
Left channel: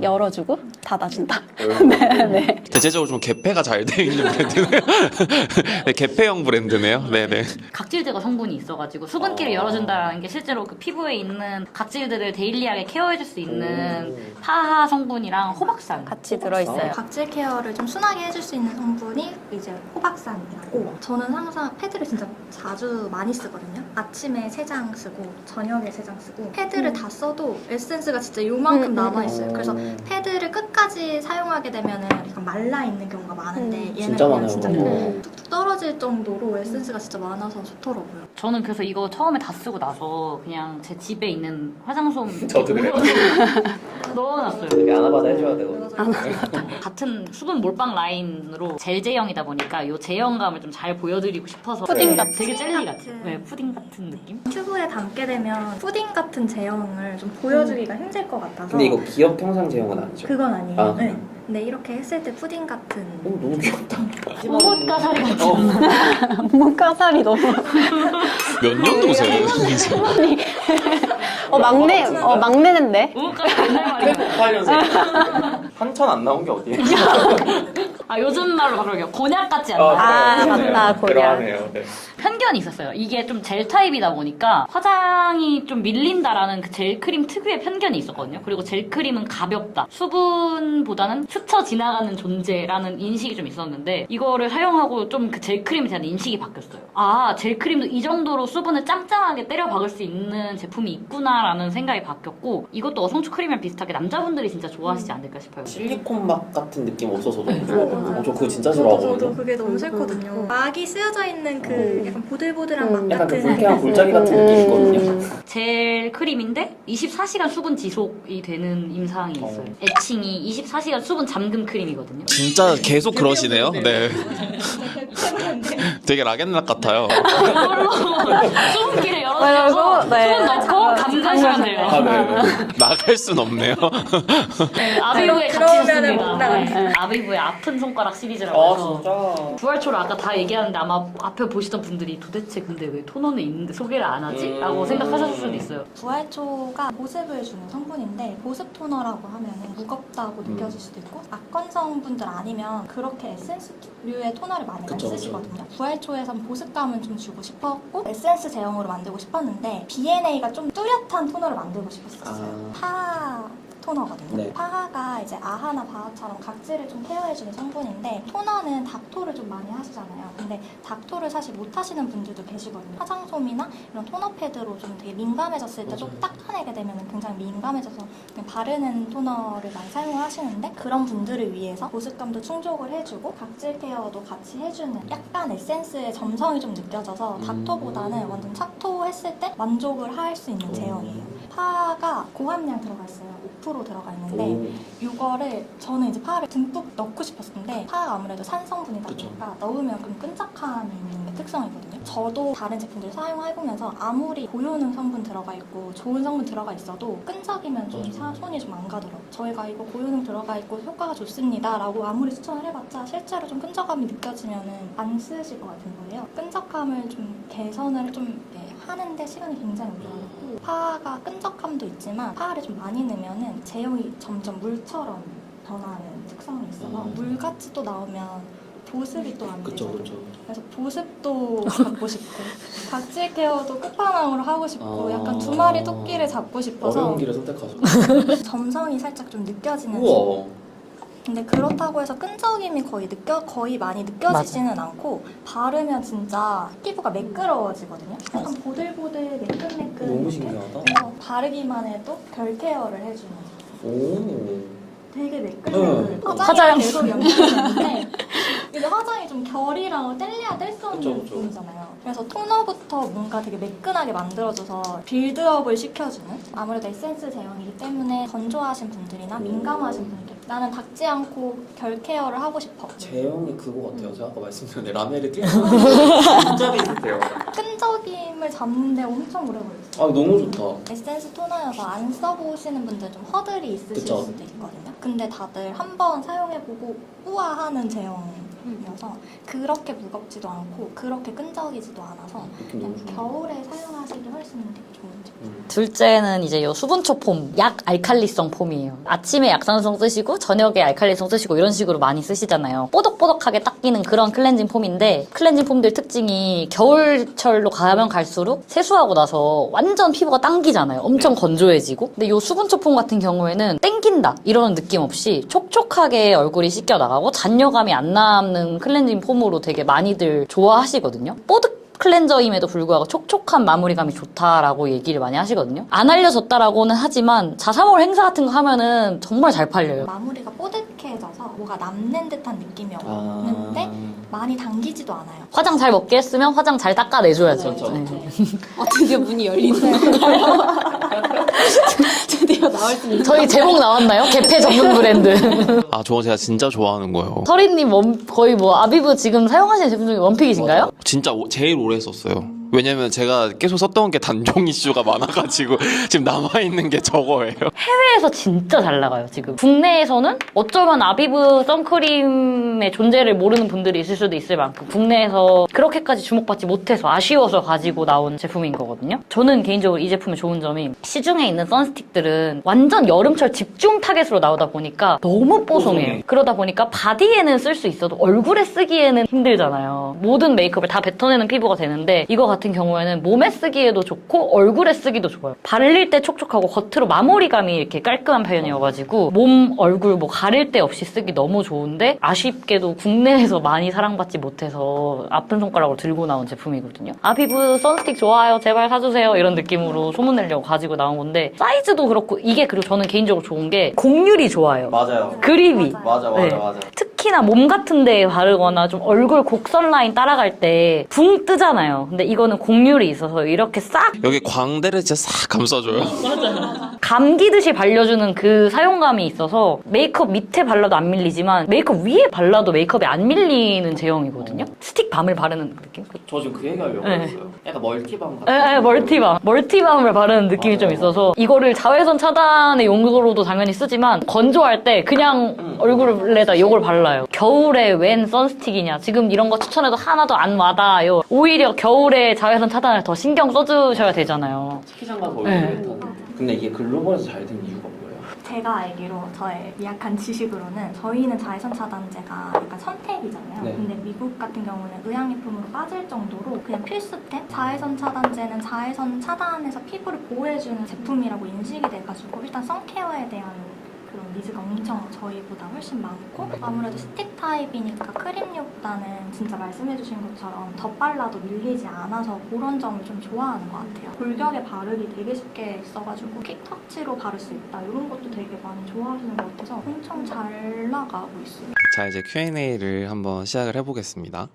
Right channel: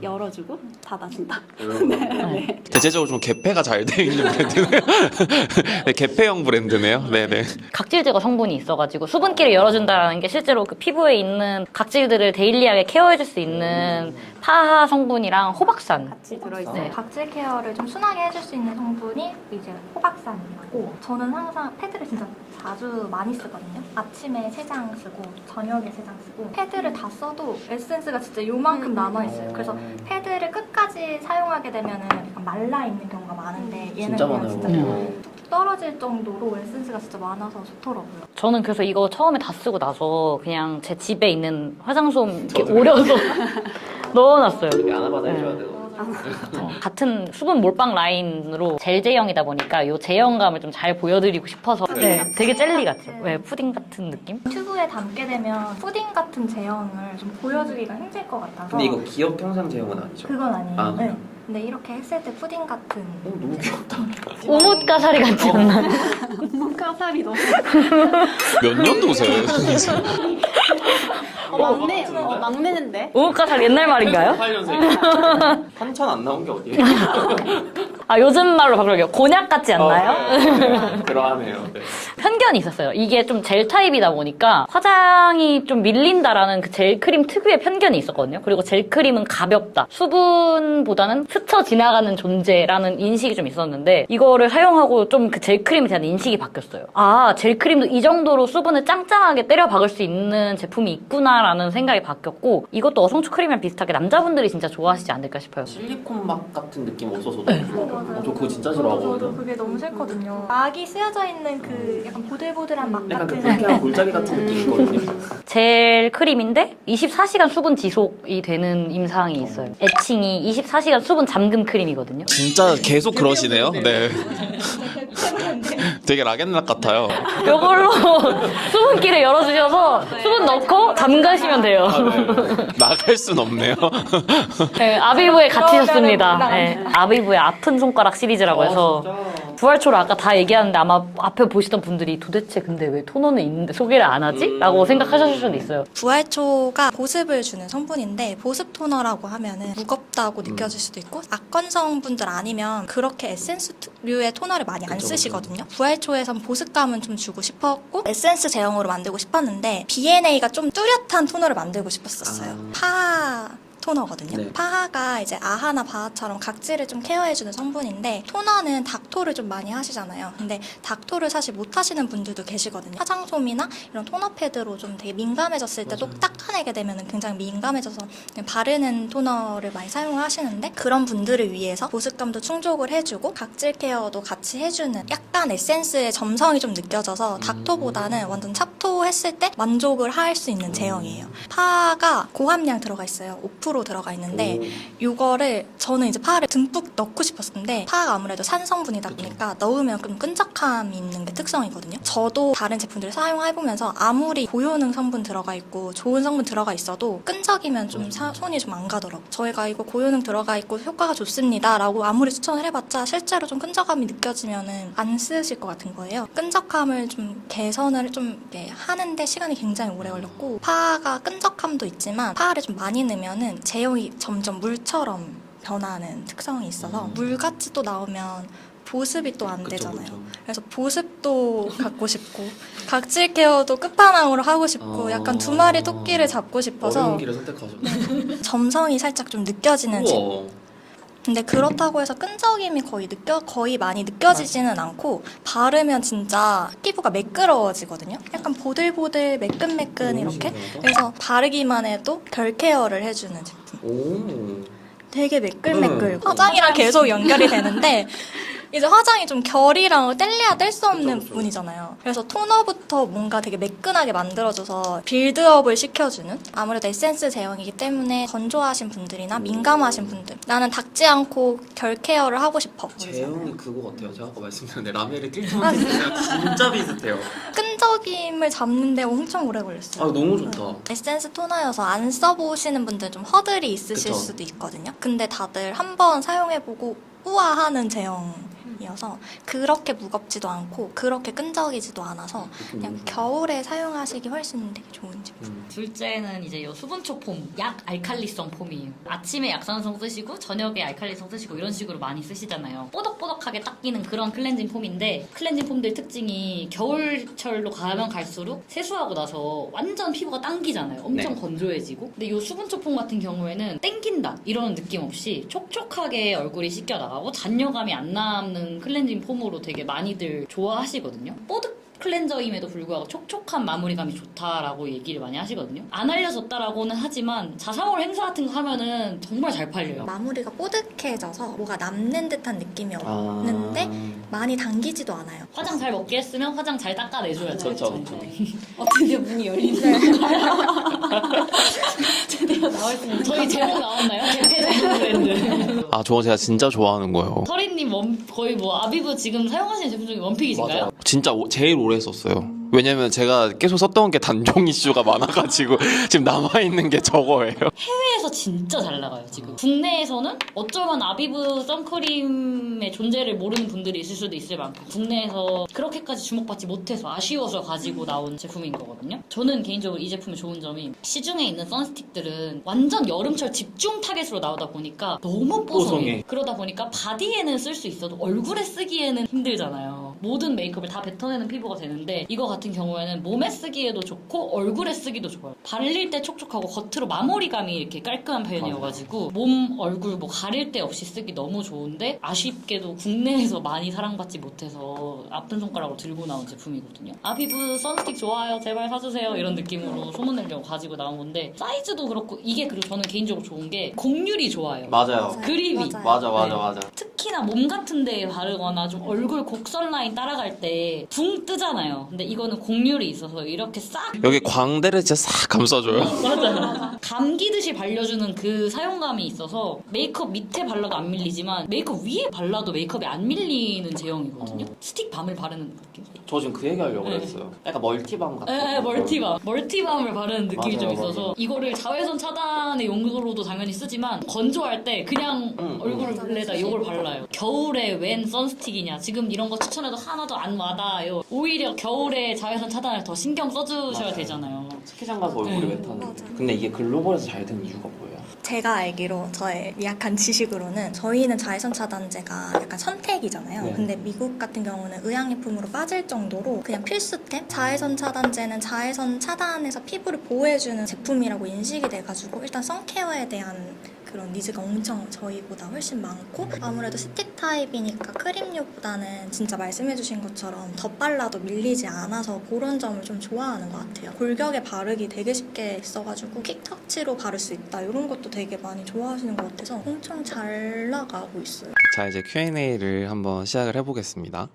열어주고 닫아준다. 네. 대체적으로 좀 개폐가 잘 돼 있는 브랜드네요. 네, 개폐형 브랜드네요. 네네. 각질 제거 성분이 있어가지고 수분기를 열어준다는 게 실제로 그 피부에 있는 각질들을 데일리하게 케어해줄 수 있는 타하 성분이랑 호박산 같이 들어있어요. 각질 케어를 좀 순하게 해줄 수 있는 성분이 이제 호박산이고 저는 항상 패드를 진짜 자주 많이 쓰거든요. 아침에 3장 쓰고 저녁에 3장 쓰고 패드를 다 써도 에센스가 진짜 요만큼 남아있어요. 그래서 패드를 끝까지 사용하게 되면은 약간 말라있는 경우가 많은데 얘는 그냥 진짜 뚝뚝 떨어질 정도로 에센스가 진짜 많아서 좋더라고요. 저는 그래서 이거 처음에 다 쓰고 나서 그냥 제 집에 있는 화장솜 오려서 넣어놨어요. 아나바다 해줘야 되고. 같은 수분 몰빵 라인으로 젤 제형이다 보니까 이 제형감을 좀 잘 보여드리고 싶어서 푸딩 같은. 되게 젤리 같아요. 네, 푸딩 같은 느낌? 튜브에 담게 되면 푸딩 같은 제형을 좀 보여주기가 힘들 것 같아서 근데 이거 기업 평상 제형은 아니죠? 그건 아니에요. 아, 네. 근데 이렇게 했을 때 푸딩 같은 너무 귀엽다. 오목가사리 같지 않나요? 몸가살이 너무 몇 년도세요? 막내인데. 오목가사리 옛날 말인가요? 8년생. 한참 안 나온 게 어디예요? 아 요즘 말로 바꾸려고 곤약 같지 않나요? 그러하네요. 네. 편견이 있었어요. 이게 좀 젤 타입이다 보니까 화장이 좀 밀린다라는 그 젤 크림 특유의 편견이 있었거든요. 그리고 젤 크림은 가볍다. 수분보다는 스쳐 지나가는 존재라는 인식이 좀 있었는데 이거를 사용하고 좀 그 젤 크림에 대한 인식이 바뀌었어요. 아, 젤 크림도 이 정도로 수분을 짱짱하게 때려 박을 수 있는 제품이 있구나라는 생각이 바뀌었고 이것도 어성초 크림이랑 비슷하게 남자분들이 진짜 좋아하시지 않을까 싶어요. 실리콘 막 같은 느낌 없어서 저 그거 진짜 싫어하거든요. 저도 그게 너무 싫거든요. 막이 쓰여져 있는 그 약간 보들보들한 막 약간 그 같은 불쾌한 골짜기 같은 느낌이 있거든요. 젤 크림인데 24시간 수분 지속이 되는 임상이 있어요. 애칭이 24시간 수분 잠금 크림이거든요. 진짜 계속 그러시네요. 네. 되게 락앤락 같아요. 이걸로 수분기를 열어주셔서 네. 수분 넣고 안 가시면 돼요. 나갈 순 없네요. 네, 아비브에 갇히셨습니다. 네, 아비브의 아픈 손가락 시리즈라고 해서 부활초를 아까 다 얘기하는데 아마 앞에 보시던 분들이 도대체 근데 왜 토너는 있는데 소개를 안 하지? 라고 생각하셨을 수도 있어요. 부활초가 보습을 주는 성분인데 보습 토너라고 하면은 무겁다고 느껴질 수도 있고 악건성 분들 아니면 그렇게 에센스류의 토너를 많이 안 쓰시거든요. 부활초에선 보습감은 좀 주고 싶었고 에센스 제형으로 만들고 싶었는데 B&A가 좀 뚜렷한 토너를 만들고 싶었었어요. 파하 토너거든요. 네. 파하가 이제 아하나 바하처럼 각질을 좀 케어해주는 성분인데 토너는 닥토를 좀 많이 하시잖아요. 근데 닥토를 사실 못 하시는 분들도 계시거든요. 화장솜이나 이런 토너 패드로 좀 되게 민감해졌을 때 또 닦아내게 되면 굉장히 민감해져서 그냥 바르는 토너를 많이 사용을 하시는데 그런 분들을 위해서 보습감도 충족을 해주고 각질 케어도 같이 해주는 약간 에센스의 점성이 좀 느껴져서 닥토보다는 완전 찹토했을 때 만족을 할 수 있는 제형이에요. 파가 고함량 들어가 있어요. 5% 들어가 있는데 이거를 저는 이제 파를 듬뿍 넣고 싶었는데 파가 아무래도 산성분이다 보니까 넣으면 좀 끈적함이 있는 게 특성이거든요. 저도 다른 제품들을 사용해보면서 아무리 고효능 성분 들어가 있고 좋은 성분 들어가 있어도 끈적이면 좀 손이 좀 안 가더라고요. 저희가 이거 고효능 들어가 있고 효과가 좋습니다 라고 아무리 추천을 해봤자 실제로 좀 끈적함이 느껴지면은 안 쓰실 것 같은 거예요. 끈적함을 좀 개선을 좀 하는데 시간이 굉장히 오래 걸렸고 파가 끈적함도 있지만 파를 좀 많이 넣으면은 제형이 점점 물처럼 변하는 특성이 있어서 물같이 또 나오면 보습이 또 안 되잖아요. 그래서 보습도 갖고 싶고 각질 케어도 끝판왕으로 하고 싶고 약간 두 마리 토끼를 잡고 싶어서 어려운 길을 선택하죠. 점성이 살짝 좀 느껴지는 우와. 근데 그렇다고 해서 끈적임이 거의 많이 느껴지지는 않고 바르면 진짜 피부가 매끄러워지거든요. 약간 보들보들 매끈매끈 이렇게. 그래서 바르기만 해도 결 케어를 해주는 제품. 오. 되게 매끌매끌. 화장이랑 계속 연결이 되는데 이제 화장이 좀 결이랑 뗄래야 뗄 수 없는 그쵸. 부분이잖아요. 그래서 토너부터 뭔가 되게 매끈하게 만들어줘서 빌드업을 시켜주는 아무래도 에센스 제형이기 때문에 건조하신 분들이나 민감하신 분들 나는 닦지 않고 결 케어를 하고 싶어. 제형이 그거 같아요. 제가 아까 말씀드렸는데 라멜이 진짜 비슷해요. 끈적임을 잡는데 엄청 오래 걸렸어요. 아 너무 좋다. 에센스 토너여서 안 써보시는 분들 좀 허들이 있으실 그쵸. 수도 있거든요. 근데 다들 한번 사용해보고 우아하는 제형이어서 그렇게 무겁지도 않고 그렇게 끈적이지도 않아서 그냥 겨울에 사용하시기 훨씬 되게 좋은 제품. 둘째는 이제 요 수분초 폼, 약 알칼리성 폼이에요. 아침에 약산성 쓰시고 저녁에 알칼리성 쓰시고 이런 식으로 많이 쓰시잖아요. 뽀득뽀득하게 닦이는 그런 클렌징 폼인데 클렌징 폼들 특징이 겨울철로 가면 갈수록 세수하고 나서 완전 피부가 당기잖아요. 엄청 건조해지고. 근데 요 수분초 폼 같은 경우에는 땡긴다 이런 느낌 없이 촉촉하게 얼굴이 씻겨 나가고 잔여감이 안 남는 클렌징 폼으로 되게 많이들 좋아하시거든요. 뽀득 클렌저임에도 불구하고 촉촉한 마무리감이 좋다라고 얘기를 많이 하시거든요. 안 알려졌다라고는 하지만 자사몰 행사 같은 거 하면은 정말 잘 팔려요. 마무리가 뽀득해져서 뭐가 남는 듯한 느낌이 없는데 많이 당기지도 않아요. 화장 잘 먹게 했으면 화장 잘 닦아내줘야죠. 그렇죠. 네. 드디어 문이 열리는 건가요? 드디어 나올 수 있는 저희 제목 나왔나요? 개폐 전문 브랜드. 아, 저거 제가 진짜 좋아하는 거예요. 서린님 거의 뭐 아비브 지금 사용하시는 제품 중에 원픽이신가요? 맞아요. 진짜 제일 오래 썼어요. 왜냐면 제가 계속 썼던 게 단종 이슈가 많아가지고 지금 남아있는 게 저거예요. 해외에서 진짜 잘 나가요, 지금. 국내에서는 어쩌면 아비브 선크림의 존재를 모르는 분들이 있을 수도 있을 만큼 국내에서 그렇게까지 주목받지 못해서 아쉬워서 가지고 나온 제품인 거거든요. 저는 개인적으로 이 제품의 좋은 점이 시중에 있는 선스틱들은 완전 여름철 집중 타겟으로 나오다 보니까 너무 뽀송해. 그러다 보니까 바디에는 쓸 수 있어도 얼굴에 쓰기에는 힘들잖아요. 모든 메이크업을 다 뱉어내는 피부가 되는데 이거 같은 경우에는 몸에 쓰기에도 좋고 얼굴에 쓰기도 좋아요. 바를 때 촉촉하고 겉으로 마무리감이 이렇게 깔끔한 편이어가지고 몸, 얼굴 뭐 가릴 데 없이 쓰기 너무 좋은데 아쉽게도 국내에서 많이 사랑받지 못해서 아픈 손가락으로 들고 나온 제품이거든요. 아비브 선스틱 좋아요. 제발 사주세요. 이런 느낌으로 소문내려고 가지고 나온 건데 사이즈도 그렇고 이게 그리고 저는 개인적으로 좋은 게 곡률이 좋아요. 맞아요. 그립이. 맞아요. 맞아. 네. 맞아. 특히 특히나 몸 같은 데에 바르거나 좀 얼굴 곡선 라인 따라갈 때 붕 뜨잖아요. 근데 이거는 곡률이 있어서 이렇게 싹 여기 광대를 진짜 싹 감싸줘요. 감기듯이 발려주는 그 사용감이 있어서 메이크업 밑에 발라도 안 밀리지만 메이크업 위에 발라도 메이크업이 안 밀리는 제형이거든요. 스틱 밤을 바르는 느낌? 저 지금 그 얘기 하려고 네. 했어요. 약간 멀티밤 같은. 네, 멀티밤을 바르는 느낌이 맞아요, 좀 있어서 이거를 자외선 차단의 용도로도 당연히 쓰지만 건조할 때 그냥 얼굴에다 이걸 발라요. 겨울에 웬 선스틱이냐. 지금 이런 거 추천해도 하나도 안 와닿아요. 오히려 겨울에 자외선 차단을 더 신경 써주셔야 되잖아요. 스키장 가서 얼굴 네. 웨트하는. 근데 이게 글로벌에서 잘 된 이유가 뭐예요? 제가 알기로 저의 미약한 지식으로는 저희는 자외선 차단제가 약간 선택이잖아요. 네. 근데 미국 같은 경우는 의약품으로 빠질 정도로 그냥 필수템? 자외선 차단제는 자외선 차단해서 피부를 보호해주는 제품이라고 인식이 돼가지고 일단 선케어에 대한 그런 니즈가 엄청 저희보다 훨씬 많고 아무래도 스틱 타입이니까 크림류보다는 진짜 말씀해주신 것처럼 덧발라도 밀리지 않아서 그런 점을 좀 좋아하는 것 같아요. 골격에 바르기 되게 쉽게 써가지고 퀵터치로 바를 수 있다 이런 것도 되게 많이 좋아하시는 것 같아서 엄청 잘 나가고 있어요. 자, 이제 Q&A를 한번 시작을 해보겠습니다.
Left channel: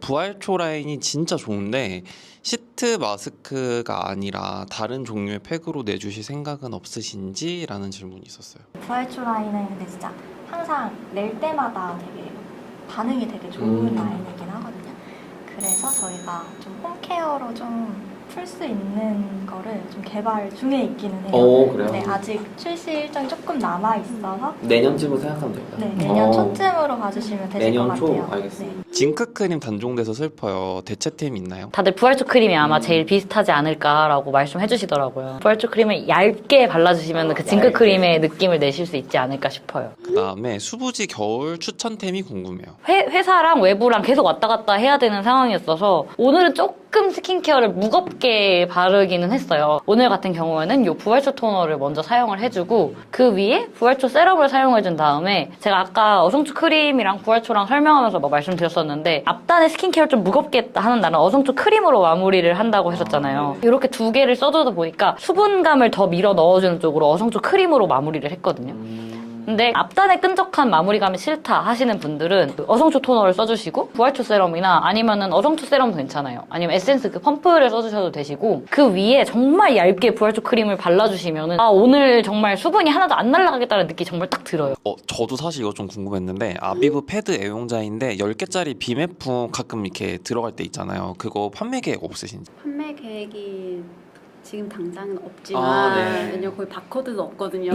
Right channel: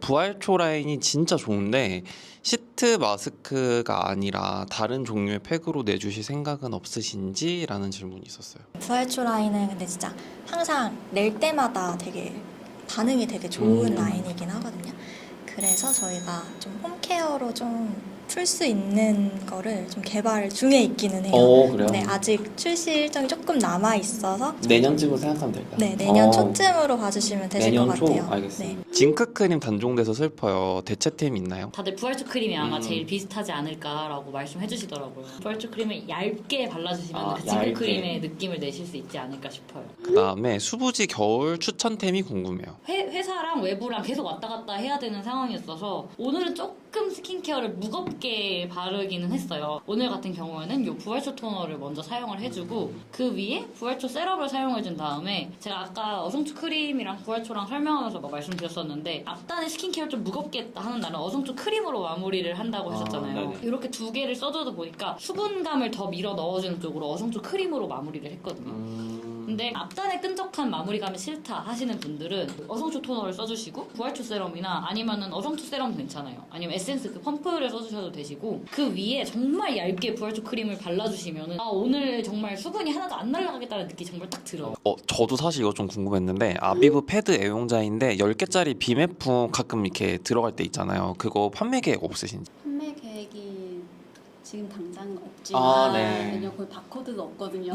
부활초 라인이 진짜 좋은데 시트 마스크가 아니라 다른 종류의 팩으로 내주실 생각은 없으신지? 라는 질문이 있었어요. 부활초 라인은 근데 진짜 항상 낼 때마다 되게 반응이 되게 좋은 라인이긴 하거든요. 그래서 저희가 좀 홈케어로 좀 풀 수 있는 거를 좀 개발 중에 있기는 해요. 그래요? 네, 아직 출시 일정이 조금 남아 있어서 내년쯤으로 생각하면 될까요? 네, 내년 초쯤으로 봐주시면 되실 내년 것 초? 같아요. 알겠습니다. 네. 징크 크림 단종돼서 슬퍼요. 대체템 있나요? 다들 부활초 크림이 아마 제일 비슷하지 않을까라고 말씀해 주시더라고요. 부활초 크림을 얇게 발라주시면 그 징크 얇게. 크림의 느낌을 내실 수 있지 않을까 싶어요. 그 다음에 수부지 겨울 추천템이 궁금해요. 회사랑 외부랑 계속 왔다 갔다 해야 되는 상황이었어서 오늘은 조금 스킨케어를 무겁게 바르기는 했어요. 오늘 같은 경우에는 이 부활초 토너를 먼저 사용을 해주고 그 위에 부활초 세럼을 사용해준 다음에 제가 아까 어성초 크림이랑 부활초랑 설명하면서 뭐 말씀드렸었는데 앞단에 스킨케어를 좀 무겁게 하는 날은 어성초 크림으로 마무리를 한다고 했었잖아요. 이렇게 두 개를 써주다 보니까 수분감을 더 밀어 넣어주는 쪽으로 어성초 크림으로 마무리를 했거든요. 근데 앞단에 끈적한 마무리감이 싫다 하시는 분들은 어성초 토너를 써주시고 부활초 세럼이나 아니면은 어성초 세럼도 괜찮아요. 아니면 에센스 그 펌프를 써주셔도 되시고 그 위에 정말 얇게 부활초 크림을 발라주시면은 아 오늘 정말 수분이 하나도 안 날아가겠다는 느낌이 정말 딱 들어요. 저도 사실 이거 좀 궁금했는데 아비브 패드 애용자인데 10개짜리 비매품 가끔 이렇게 들어갈 때 있잖아요. 그거 판매 계획 없으신지? 판매 계획이 지금 당장은 없지만 네. 왜냐면 거기 바코드도 없거든요.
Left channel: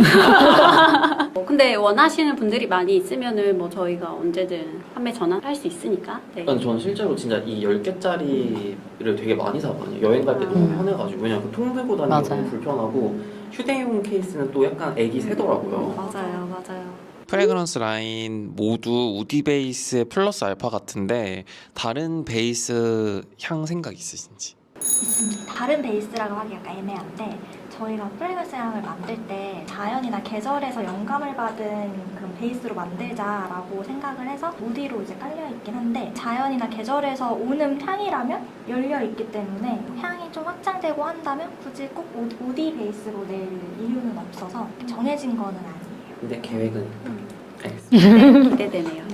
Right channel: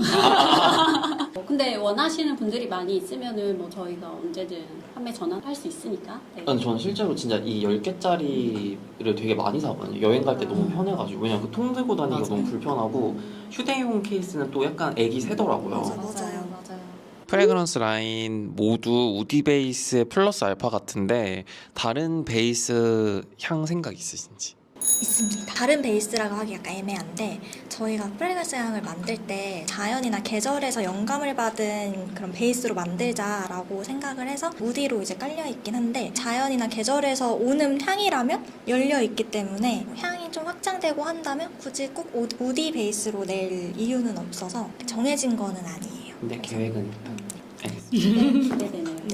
근데 원하시는 분들이 많이 있으면은 뭐 저희가 언제든 판매 전환할 수 있으니까. 네. 아니 저는 실제로 진짜 이 10개짜리를 되게 많이 사거든요. 여행 갈 때 너무 편해가지고 왜냐면 그 통 들고 다니는 거 맞아요. 너무 불편하고 휴대용 케이스는 또 약간 애기 세더라고요. 맞아요. 프레그런스 라인 모두 우디 베이스의 플러스 알파 같은데 다른 베이스 향 생각 있으신지? 있습니다. 다른 베이스라고 하기 약간 애매한데 저희가 프레그런스 향을 만들 때 자연이나 계절에서 영감을 받은 그런 베이스로 만들자라고 생각을 해서 우디로 이제 깔려 있긴 한데 자연이나 계절에서 오는 향이라면 열려 있기 때문에 향이 좀 확장되고 한다면 굳이 꼭 우디 베이스로 낼 이유는 없어서 정해진 거는 아니에요. 근데 계획은 알겠습니다. 기대되네요.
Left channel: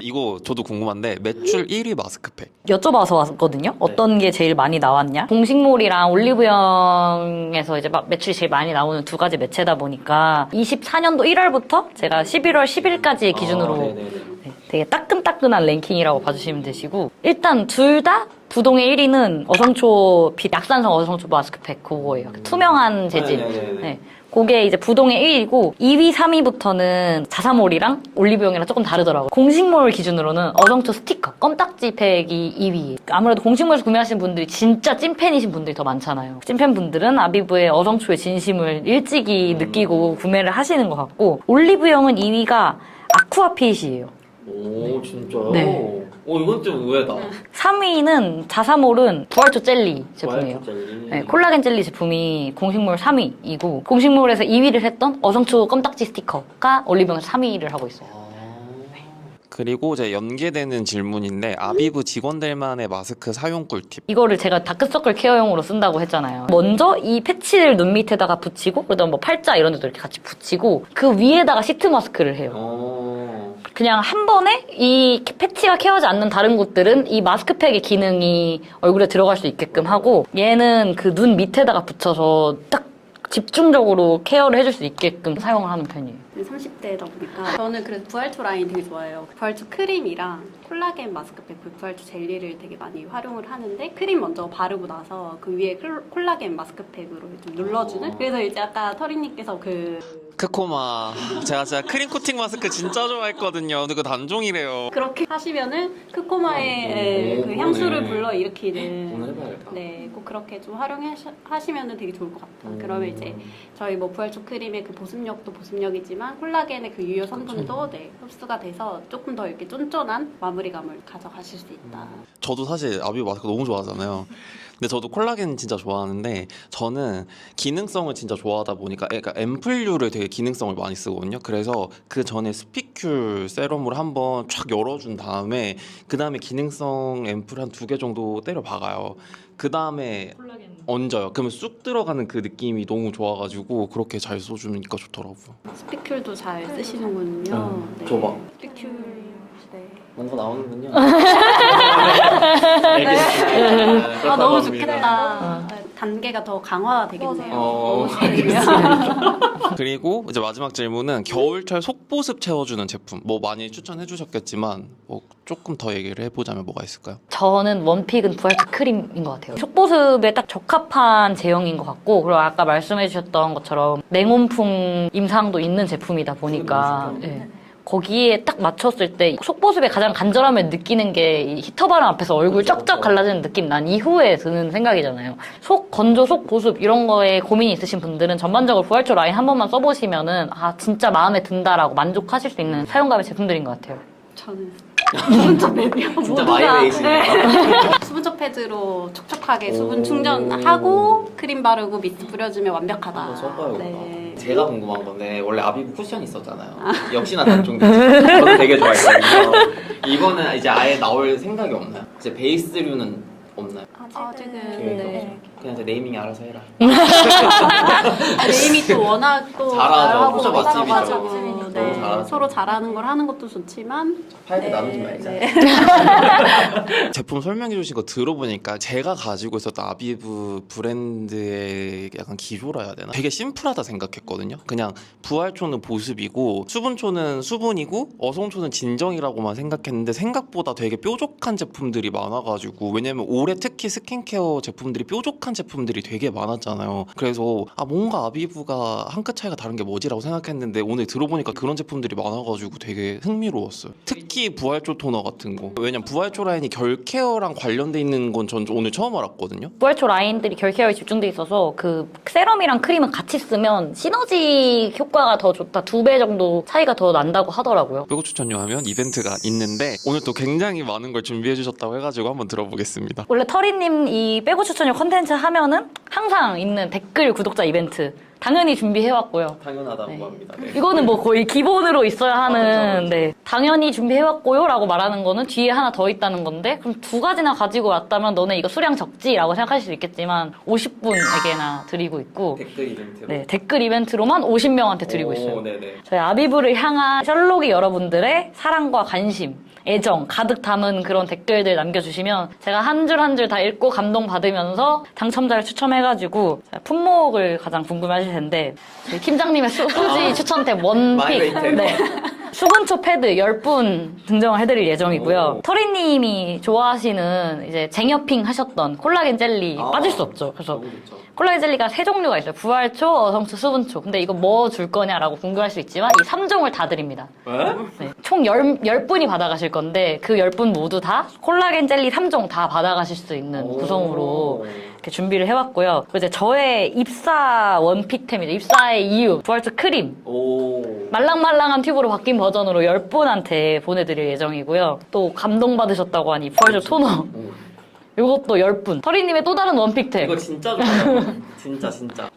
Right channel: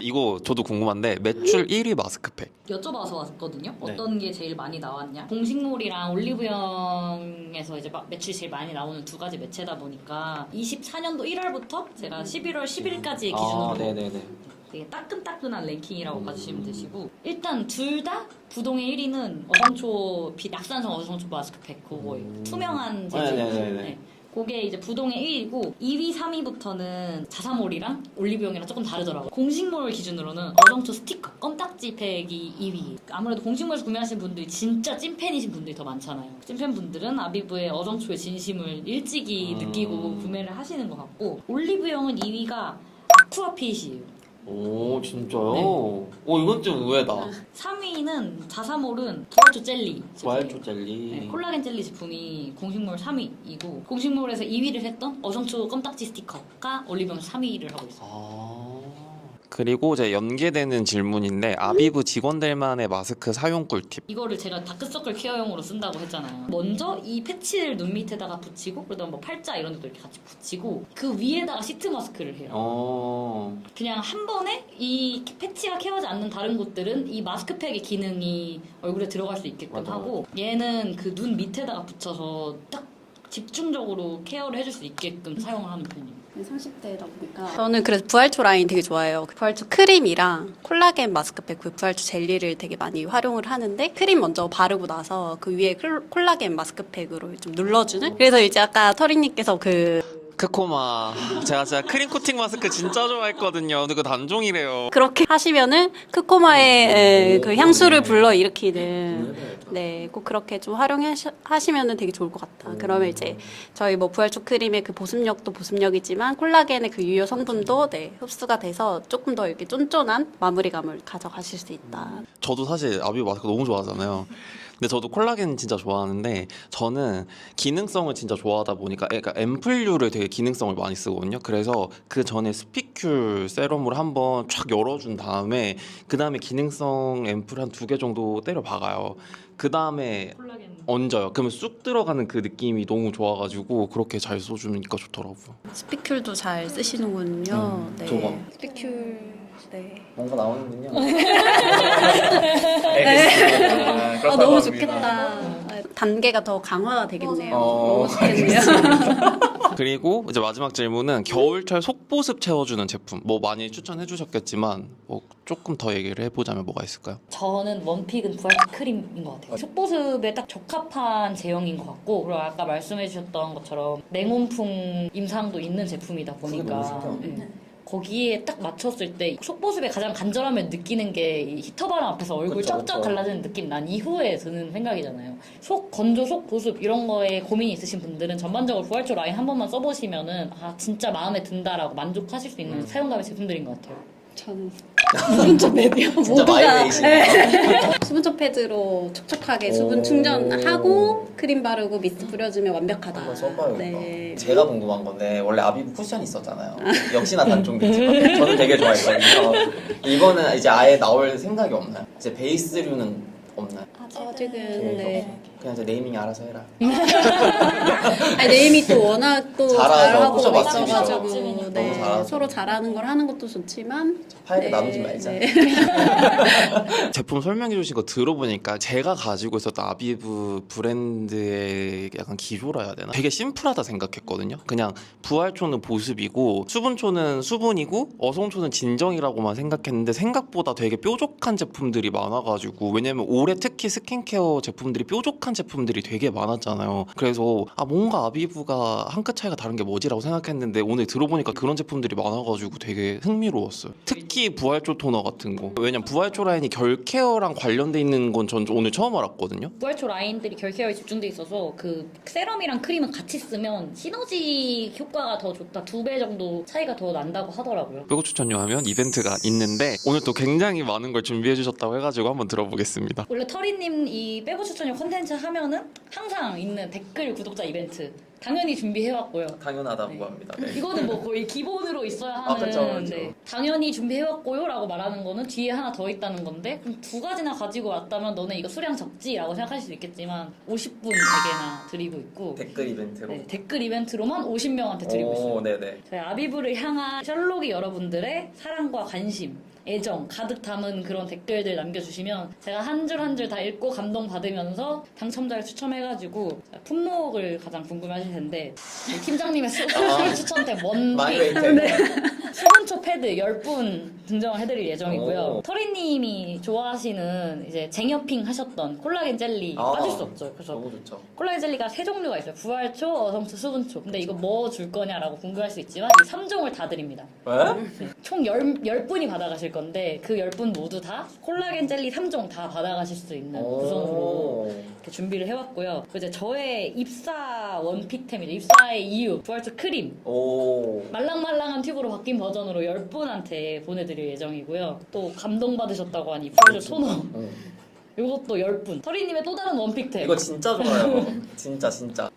이거 저도 궁금한데 매출 1위 마스크팩. 여쭤봐서 왔거든요. 어떤 게 제일 많이 나왔냐? 동식물이랑 올리브영에서 이제 막 매출이 제일 많이 나오는 두 가지 매체다 보니까 24년도 1월부터 제가 11월 10일까지 기준으로 네네네. 네, 되게 따끈따끈한 랭킹이라고 봐주시면 되시고 일단 둘 다 부동의 1위는 어성초 빛 약산성 어성초 마스크팩 그거예요. 투명한 재질. 네네네. 네. 그게 이제 부동의 1위고 2위, 3위부터는 자사몰이랑 올리브영이랑 조금 다르더라고요. 공식몰 기준으로는 어성초 스티커, 껌딱지 팩이 2위. 아무래도 공식몰에서 구매하시는 분들이 진짜 찐팬이신 분들이 더 많잖아요. 찐팬 분들은 아비브의 어성초의 진심을 일찍이 느끼고 구매를 하시는 것 같고 올리브영은 2위가 아쿠아핏이에요. 오 진짜요? 네. 이건 좀 의외다. 3위는 자사몰은 부활초 젤리 제품이에요. 부활초 젤리. 네, 콜라겐 젤리 제품이 공식몰 3위이고 공식몰에서 2위를 했던 어성초 껌딱지 스티커가 올리브영에서 3위를 하고 있어요. 그리고 이제 연계되는 질문인데 아비브 직원들만의 마스크 사용 꿀팁. 이거를 제가 다크서클 케어용으로 쓴다고 했잖아요. 먼저 이 패치를 눈 밑에다가 붙이고 그다음 뭐 팔자 이런 데도 이렇게 같이 붙이고 그 위에다가 시트 마스크를 해요. 그냥 한 번에 이 패치가 케어하지 않는 다른 곳들은 이 마스크팩의 기능이 얼굴에 들어갈 수 있게끔 하고 얘는 그 눈 밑에다가 붙여서 딱 집중적으로 케어를 해줄 수 있게끔 사용을 하는 편이에요. 30대다 보니까 저는 그래서 부활초 라인 되게 좋아해요. 부활초 크림이랑 콜라겐 마스크팩, 그 부활초 젤리를 되게 많이 활용을 하는데 크림 먼저 바르고 나서 그 위에 콜라겐 마스크팩으로 좀 눌러주는. 그래서 이제 아까 터리님께서 크코마. 제가 진짜 크림 코팅 마스크 진짜 좋아했거든요. 근데 그거 단종이래요. 그렇게 하시면은 크코마의 그 향수를 불러일으키는. 오늘 해봐야겠다. 네, 꼭 그렇게 좀 활용하시면 되게 좋을 것 같다. 그러면 이제 저희 뭐 부활초 크림의 그 보습력도 보습력이지만 콜라겐의 그 유효 성분도 네, 흡수가 돼서 조금 더 이렇게 쫀쫀한 마무리감을 가져가실 수 있다. 저도 사실 아비브 마스크 너무 좋아하잖아요. 근데 저도 콜라겐 진짜 좋아하는데 저는 기능성을 진짜 좋아하다 보니까 그러니까 앰플류를 되게 기능성을 많이 쓰거든요. 그래서 그 전에 스피큘 세럼을 한번 쫙 열어준 다음에 그 다음에 기능성 앰플 한 2개 정도 때려 박아요. 그 다음에 얹어요. 그러면 쑥 들어가는 그 느낌이 너무 좋아가지고 그렇게 잘 써주니까 좋더라고요. 스피큘도 잘 쓰시는군요. 네. 줘봐. 스피큘. 네. 뭔가 나오는군요. 아 너무 좋겠다. 단계가 더 강화가 되겠네요. 너무 좋겠네요. 그리고 이제 마지막 질문은 겨울철 속보습 채워주는 제품 뭐 많이 추천해 주셨겠지만 뭐 조금 더 얘기를 해보자면 뭐가 있을까요? 저는 원픽은 부활초 크림인 것 같아요. 속보습에 딱 적합한 제형인 것 같고 그리고 아까 말씀해주셨던 것처럼 냉온풍 임상도 있는 제품이다 보니까 예. 거기에 딱 맞췄을 때 속보습에 가장 간절함을 느끼는 게 이 히터 바람 앞에서 얼굴 쩍쩍 갈라지는 느낌 난 이후에 드는 생각이잖아요. 속 건조, 속 보습 이런 거에 고민이 있으신 분들은 전반적으로 부활초 라인 한 번만 써보시면은 아 진짜 마음에 든다라고 만족하실 수 있는 사용감의 제품들인 것 같아요. 저는 수분초 패드요. 진짜 모두가 마이웨이시네요. 수분초 패드로 촉촉하게 수분 충전하고 크림 바르고 미스트 뿌려주면 완벽하다. 한번 써봐야겠다. 네. 제가 궁금한 건데 원래 아비브 쿠션이 있었잖아요. 역시나 단종됐죠. 저는 되게 좋아했거든요. 이거는 이제 아예 나올 생각이 없나요? 이제 베이스류는 없나요? 아직은 네. 그냥 이제 네이밍 알아서 해라. 아니, 네임이 또 워낙 또 잘하죠. 잘하고 진짜 맛집이죠. 있어가지고 너무 네. 잘하죠. 서로 잘하는 걸 하는 것도 좋지만 팔고 나누지 말자. 제품 설명해 주신 거 들어보니까 제가 가지고 있었던 아비브 브랜드의 약간 기조라 해야 되나? 되게 심플하다 생각했거든요. 그냥 부활초는 보습이고 수분초는 수분이고 어성초는 진정이라고만 생각했는데 생각보다 되게 뾰족한 제품들이 많아가지고 왜냐면 올해 특히 스킨케어 제품들이 뾰족한 제품들이 되게 많았잖아요. 그래서 아 뭔가 아비브가 한 끗 차이가 다른 게 뭐지라고 생각했는데 오늘 들어보니까 그런 제품들이 많아가지고 되게 흥미로웠어요. 특히 부활초 토너 같은 거. 왜냐면 부활초 라인이 결 케어랑 관련돼 있는 건 전 오늘 처음 알았거든요. 부활초 라인들이 결 케어에 집중돼 있어서 그 세럼이랑 크림은 같이 쓰면 시너지 효과가 더 좋다. 2배 정도 차이가 더 난다고 하더라고요. 빼고 추천료 하면 이벤트가 있는데 오늘 또 굉장히 많은 걸 준비해 주셨다고 해가지고 한번 들어보겠습니다. 원래 터리님 이 빼고 추천료 컨텐츠 하면은 항상 있는 댓글 구독자 이벤트 당연히 준비해왔고요. 당연하다고 합니다. 네. 이거는 뭐 거의 기본으로 있어야 하는 그쵸. 네. 당연히 준비해왔고요 라고 말하는 거는 뒤에 하나 더 있다는 건데 그럼 2가지나 가지고 왔다면 너네 이거 수량 적지? 라고 생각하실 수 있겠지만 50분에게나 드리고 있고 댓글 이벤트로. 네, 댓글 이벤트로만 50명한테 드리고 있어요. 네네. 저희 아비브를 향한 셜록이 여러분들의 사랑과 관심, 애정 가득 담은 그런 댓글들 남겨주시면 제가 한 줄 한 줄 다 읽고 감동받으면서 당첨자를 추첨해가지고 품목을 가장 궁금해하실 텐데 팀장님의 수지 추천템 원픽 마이웨이트. 네. 수분초 패드 10분 증정을 해드릴 예정이고요. 오. 터리님이 좋아하시는 이제 쟁여핑 하셨던 콜라겐 젤리 빠질 수 없죠. 그래서 너무 좋죠. 콜라겐 젤리가 3종류가 있어요. 부활초, 어성초, 수분초. 근데 이거 뭐 줄 거냐라고 궁금할 수 있지만 이 3종을 다 드립니다. 왜? 네. 총 10분이 받아가실 건데 그 10분 모두 다 콜라겐 젤리 3종 다 받아가실 수 있는 구성으로 이렇게 준비를 해왔고요. 그리고 이제 저의 입사 원픽템이죠. 입사의 이유, 부활초 크림. 오. 말랑말랑한 튜브로 바뀐 버전으로 10분한테 보내드릴 예정이고요. 또 감동받으셨다고 하니 부활초 토너. 오. 이것도 10분. 터리님의 또 다른 원픽템. 이거 진짜 좋아요. 진짜.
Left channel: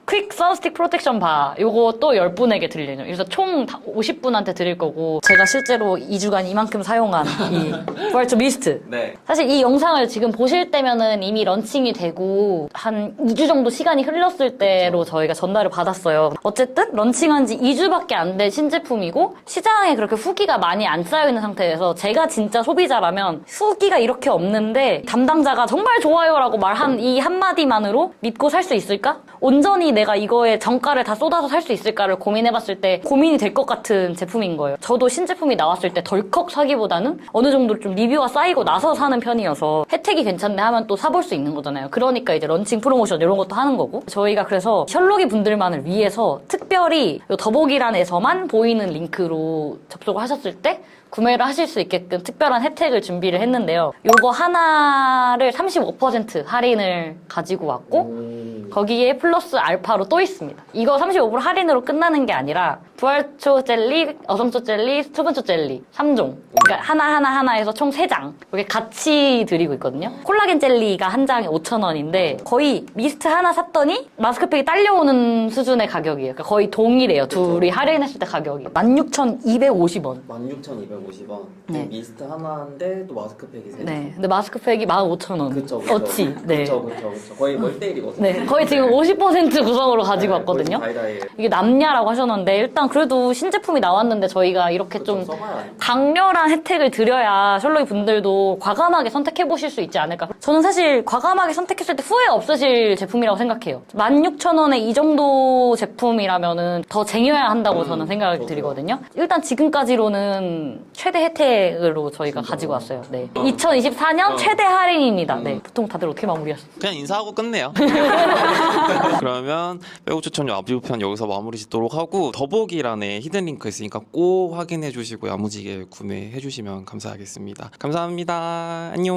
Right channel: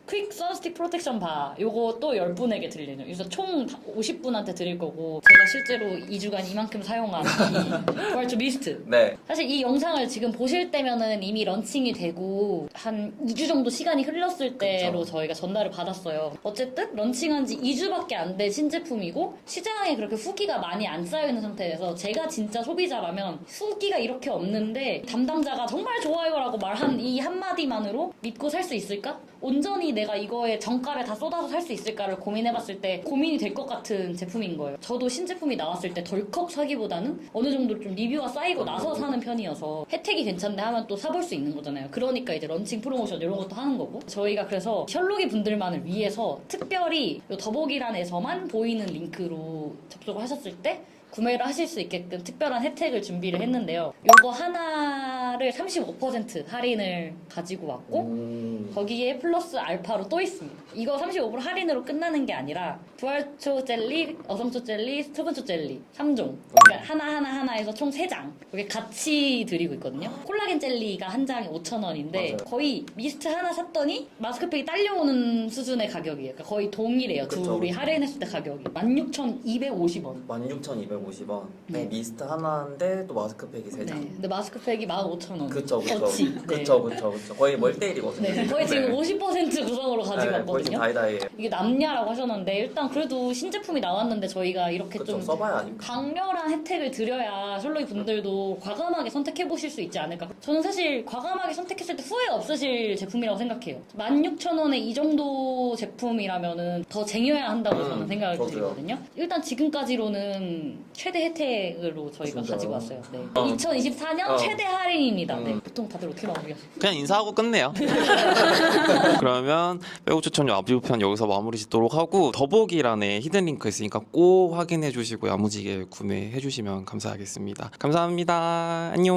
퀵 선스틱 프로텍션 바. 이것도 10분에게 드릴 예정. 그래서 총 50분한테 드릴 거고 제가 실제로 2주간 이만큼 사용한 이 부활초 미스트. 네. 사실 이 영상을 지금 보실 때면은 이미 런칭이 되고 한 2주 정도 시간이 흘렀을 때로 저희가 전달을 받았어요. 어쨌든 런칭한 지 2주밖에 안 된 신제품이고 시장에 그렇게 후기가 많이 안 쌓여있는 상태에서 제가 진짜 소비자라면 후기가 이렇게 없는데 담당자가 정말 좋아요라고 말한 이 한마디만으로 믿고 살 수 있을까? 온전히 내가 이거에 정가를 다 쏟아서 살 수 있을까를 고민해봤을 때 고민이 될 것 같은 제품인 거예요. 저도 신제품이 나왔을 때 덜컥 사기보다는 어느 정도 좀 리뷰가 쌓이고 나서 사는 편이어서 혜택이 괜찮네 하면 또 사볼 수 있는 거잖아요. 그러니까 이제 런칭 프로모션 이런 것도 하는 거고 저희가 그래서 셜록이 분들만을 위해서 특별히 요 더보기란에서만 보이는 링크로 접속을 하셨을 때 구매를 하실 수 있게끔 특별한 혜택을 준비를 했는데요. 요거 하나를 35% 할인을 가지고 왔고 거기에 플러스 알파로 또 있습니다. 이거 35% 할인으로 끝나는 게 아니라 부활초 젤리, 어성초 젤리, 수분초 젤리 3종. 그러니까 하나 해서 총 3장. 이렇게 같이 드리고 있거든요. 콜라겐 젤리가 한 장에 5,000원인데 거의 미스트 하나 샀더니 마스크팩이 딸려오는 수준의 가격이에요. 그러니까 거의 동일해요. 둘이 할인했을 때 가격이. 16,250원. 16,250원. 네. 미스트 하나인데 또 마스크팩이 3개. 네. 근데 마스크팩이 15,000원. 그쵸. 어치. 네. 그쵸. 거의 뭐 1대1이거든요. 네. 거의 지금 50% 구성으로 가지고 왔거든요. 다이다이. 이게 남냐라고 하셨는데 일단 그래도 신제품이 나왔는데 저희가 이렇게 좀 써봐야 강렬한 혜택을 드려야 셜록이 분들도 과감하게 선택해보실 수 있지 않을까. 저는 사실 과감하게 선택했을 때 후회 없으실 제품이라고 생각해요. 16,000원에 이 정도 제품이라면은 더 쟁여야 한다고 저는 생각을 저도요. 드리거든요. 일단 지금까지로는 최대 혜택으로 저희가 가지고 왔어요. 네. 2024년 최대 할인입니다. 네. 보통 다들 어떻게 마무리하세요? 그냥 인사하고 끝내요. 그러면 빼고 추천료 아비부편 여기서 마무리 짓도록 하고 더보기란에 히든 링크 있으니까 꼭 확인해 주시고 야무지게 구매해 주시면 감사하겠습니다. 감사합니다. 안녕.